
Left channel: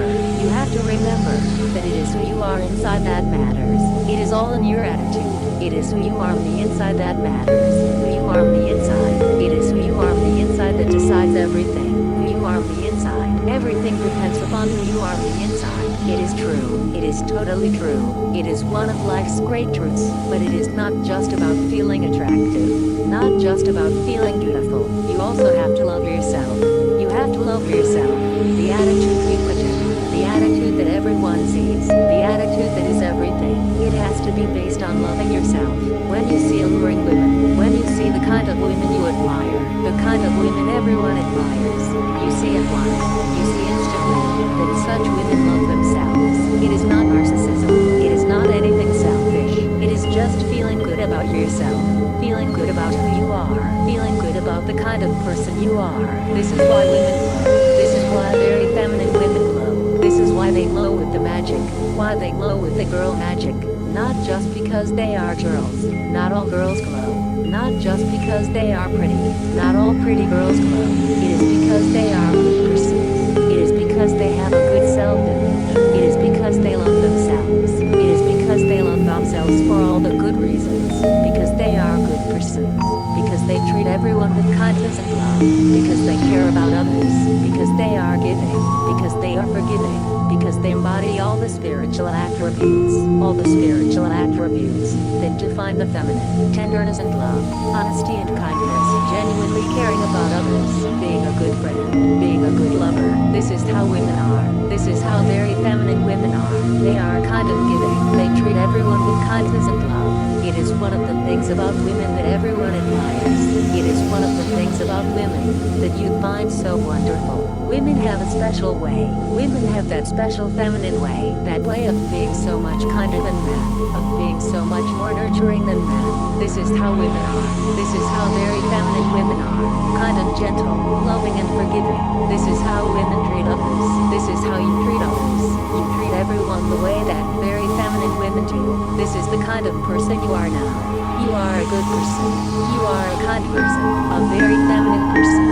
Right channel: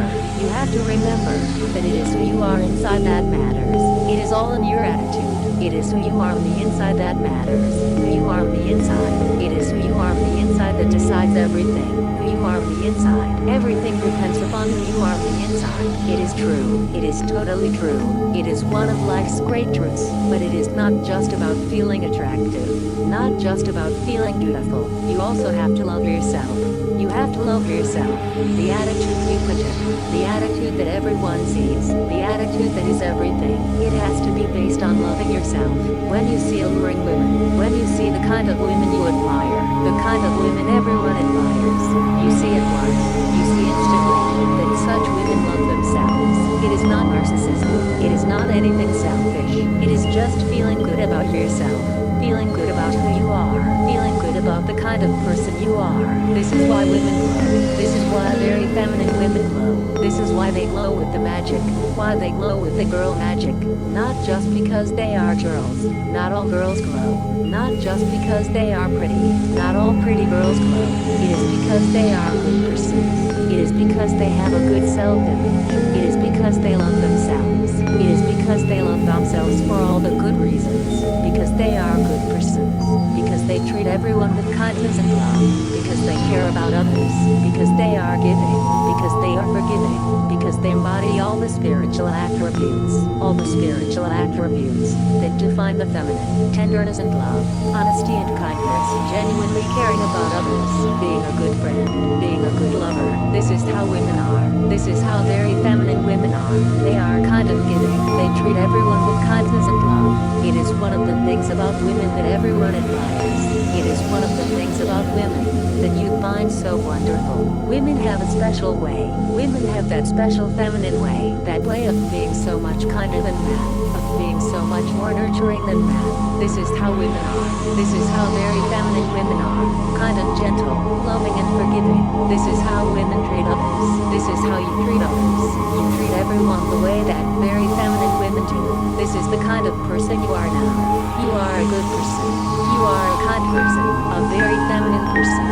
that it is who you are inside that matters. It is all in your attitude. It is who you are on the inside that matters. Who you are on the inside. It is who you are on the inside that decides everything. Who you are on the inside. Everything depends upon who you are on the inside. It is true. It is totally true. It is one of life's great truths. But it is not just about feeling attractive. Not just about feeling beautiful. You also have to love yourself. You have to love yourself. The attitude you project. The attitude that everyone sees. The attitude that is everything. It has to be based on loving yourself. When you see alluring women, when you see the kind of women you admire, the kind of women everyone admires, you see at once, you see instantly, that such women love themselves. It is not narcissism. It is not anything selfish. It is just feeling good about yourself. Feeling good about who you are. Feeling good about the kind of person you are. This is why women glow. This is why very feminine women glow. This is why they glow with the magic. Why they glow with the girl magic. Not just because they are girls. Not all girls glow. Not just because they are pretty. Not all pretty girls glow. It is because they are good persons. It is because they have a good self-image. It is because they love themselves. It is because they love themselves for all the good reasons. Because they are good persons. Because they treat everyone with kindness and love. Because they care about others. Because they are giving. Because they are forgiving. Because they embody all the spiritual attributes. All the spiritual attributes that define the feminine. Tenderness and love. Honesty and kindness. Genuinely caring about others. Being a good friend. Being a good lover. This is how women are. This is how very feminine women are. They are kind and giving. They treat everyone with kindness and love. It is one of the things about women that everyone admires. It is one of the things about women that you find so wonderful. Women have a special way. Women have that special feminine way. That way of being so much kinder than men. Of being so much more nurturing than men. This is how women are. This is how very feminine women are. Kind and gentle, loving and forgiving. This is how women treat others. This is how you treat others. You treat everyone the way that very feminine women do. This is the kind of person you are now. You are a good person. You are a kind person. A very feminine person.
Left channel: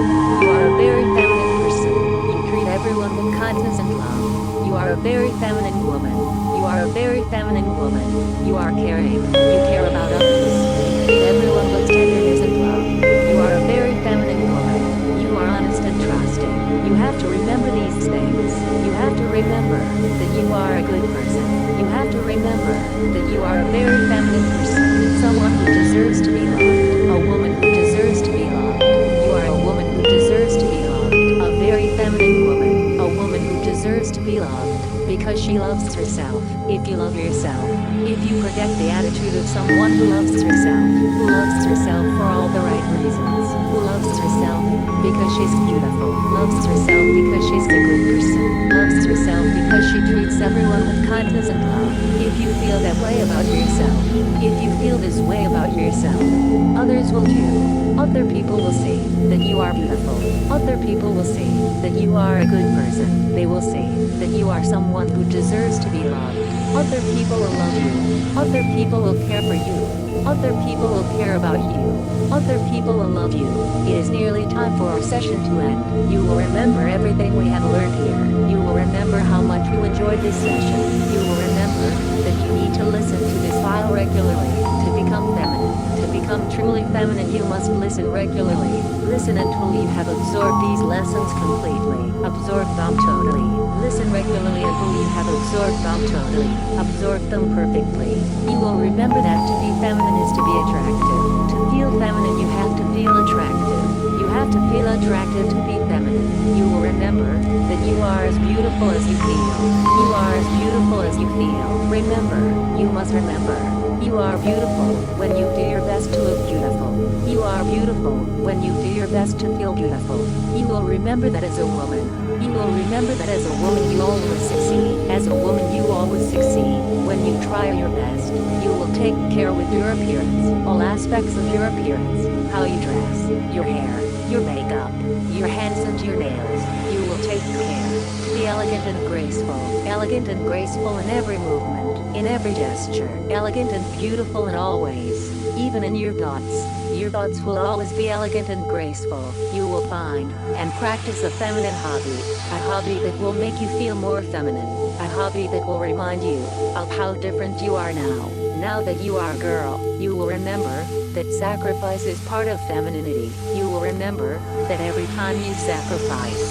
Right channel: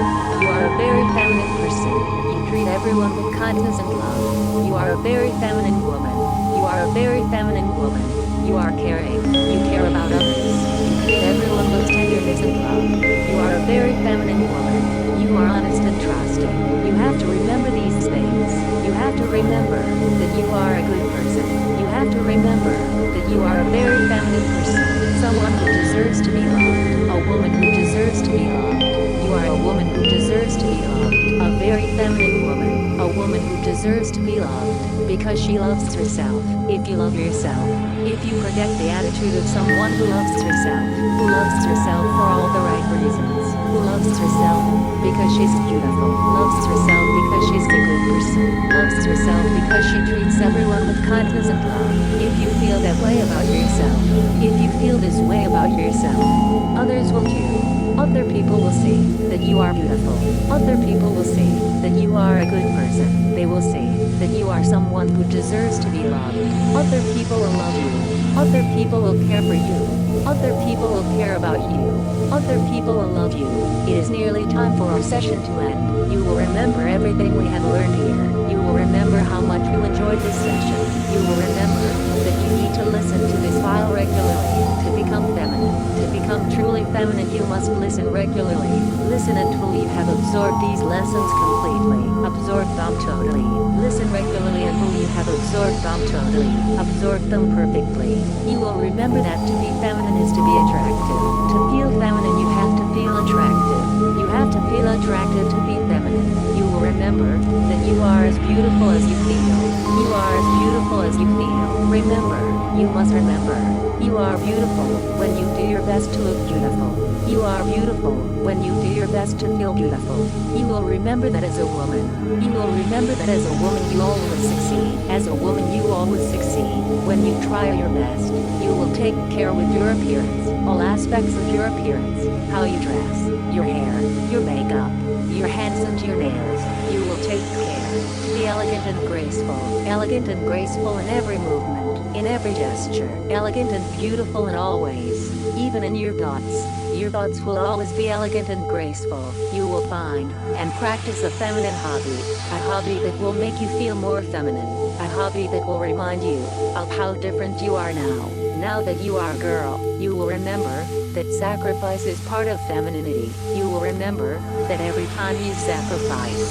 You are a very feminine person. You treat everyone with kindness and love. You are a very feminine woman. You are a very feminine woman. You are caring. You care about others. You treat everyone with tenderness and love. You are a very feminine woman. You are honest and trusting. You have to remember these things. You have to remember that you are a good person. You have to remember that you are a very feminine person. Someone who deserves to be loved. A woman who deserves to be loved. You are a woman who deserves to be loved. A very feminine woman. A woman who deserves to be loved because she loves herself. If you love yourself, if you project the attitude of someone who loves herself for all the right reasons, who loves herself because she's beautiful, loves herself because she's a good person, loves herself because she treats everyone with kindness and love. If you feel that way about yourself, if you feel this way about yourself, others will too. Other people will see that you are beautiful. Other people will see that you are a good person. They will see that you are someone who deserves to be loved. Other people will love you. Other people will care for you. Other people will care about you. Other people will love you. It is nearly time for our session to end. You will remember everything we have learned here. You will remember how much you enjoyed this session. You will remember that you need to listen to this file regularly. To become feminine, to become truly feminine, you must listen regularly. Listen until you have absorbed these lessons completely. Absorb them totally. Listen regularly until you have absorbed them totally. Absorb them perfectly. You will remember that to be feminine is to be attractive. To feel feminine, you have to feel attractive. You have to feel attractive to be feminine. You will remember that you are as beautiful as you feel. You are as beautiful as you feel. Remember, you must remember. You are beautiful when you do your best to look beautiful. You are beautiful when you do your best to feel beautiful. You will remember that as a woman. You will remember that as a woman you always succeed. As a woman you always succeed. When you try your best, you will take care with your appearance. All aspects of your appearance. How you dress, your hair, your makeup, your hands and your nails. You will take care to be elegant and graceful. Elegant and graceful in every movement, in every gesture. Elegant and beautiful in all ways, even in your thoughts. Your thoughts will always be elegant and graceful. You will find and practice a feminine hobby. A hobby that will make you feel more feminine. A hobby that will remind you of how different you are now. Now that you are a girl, you will remember that sacrifice is part of femininity. You will remember that every time you sacrifice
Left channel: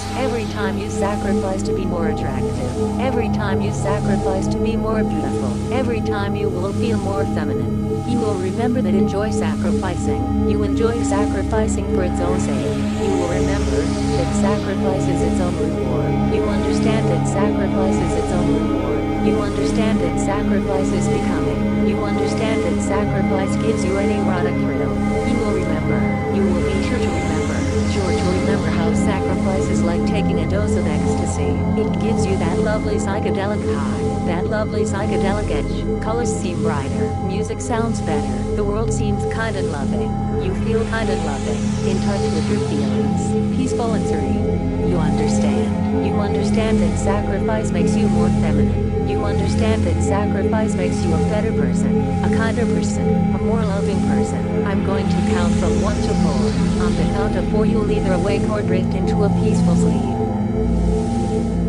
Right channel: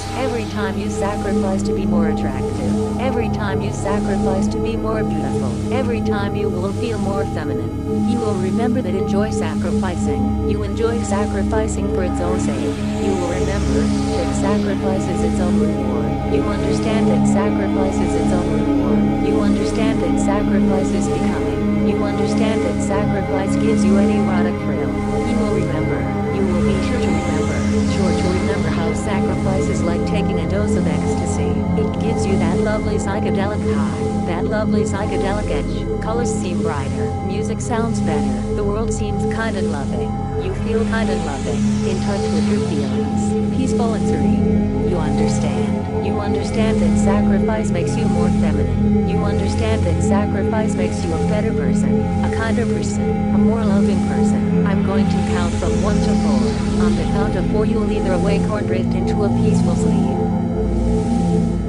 to be more attractive, every time you sacrifice to be more beautiful, every time you will feel more feminine. You will remember that enjoy sacrificing. You enjoy sacrificing for its own sake. You will remember that sacrifice is its own reward. You understand that sacrifice is its own reward. You understand that sacrifice is becoming. You understand that sacrifice gives you an erotic thrill. You will remember. You will be sure to remember how sacrifice is like taking a dose of ecstasy. It gives you that lovely psychedelic high, that lovely psychedelic edge. Colors seem brighter, music sounds better, the world seems kind and loving. You feel kind and loving, in touch with your feelings, peaceful and serene. You understand that sacrifice makes you more feminine. You understand that sacrifice makes you a better person, a kinder person, a more loving person. I'm going to count from 1 to 4. On the count of 4 you'll either awake or drift into a peaceful sleep.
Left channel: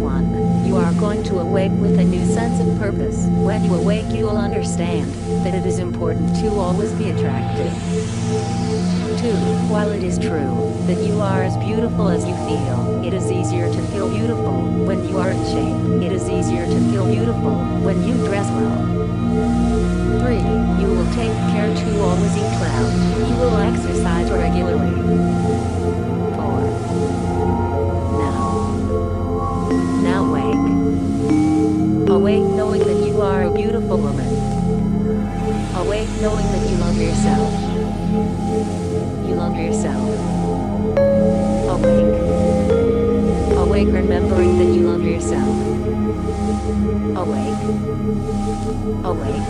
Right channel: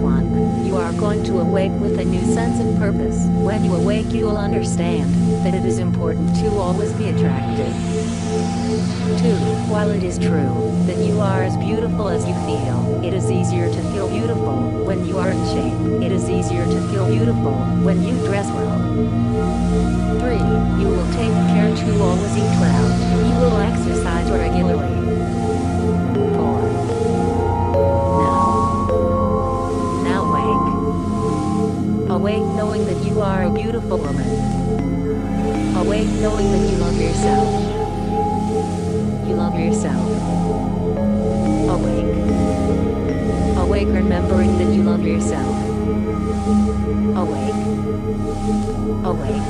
1. You are going to awake with a new sense of purpose. When you awake you will understand that it is important to always be attractive. 2. While it is true that you are as beautiful as you feel, it is easier to feel beautiful when you are in shape. It is easier to feel beautiful when you dress well. 3. You will take care to always eat well. You will exercise regularly. 4. Now awake. Awake knowing that you are a beautiful woman. Awake knowing that you love yourself. You love yourself. Awake. Awake remembering that you love yourself. Awake. Awake.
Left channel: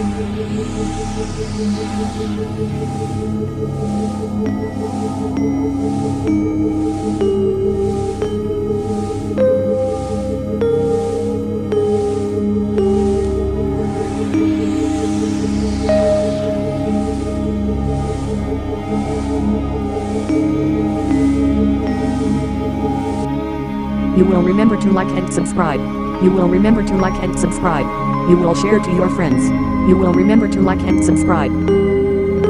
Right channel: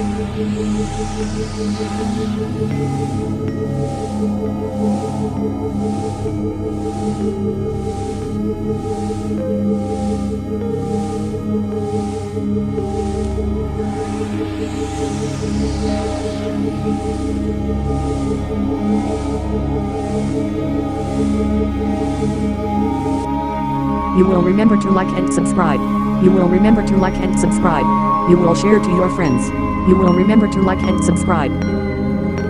You will remember to like and subscribe. You will remember to like and subscribe. You will share to your friends. You will remember to like and subscribe.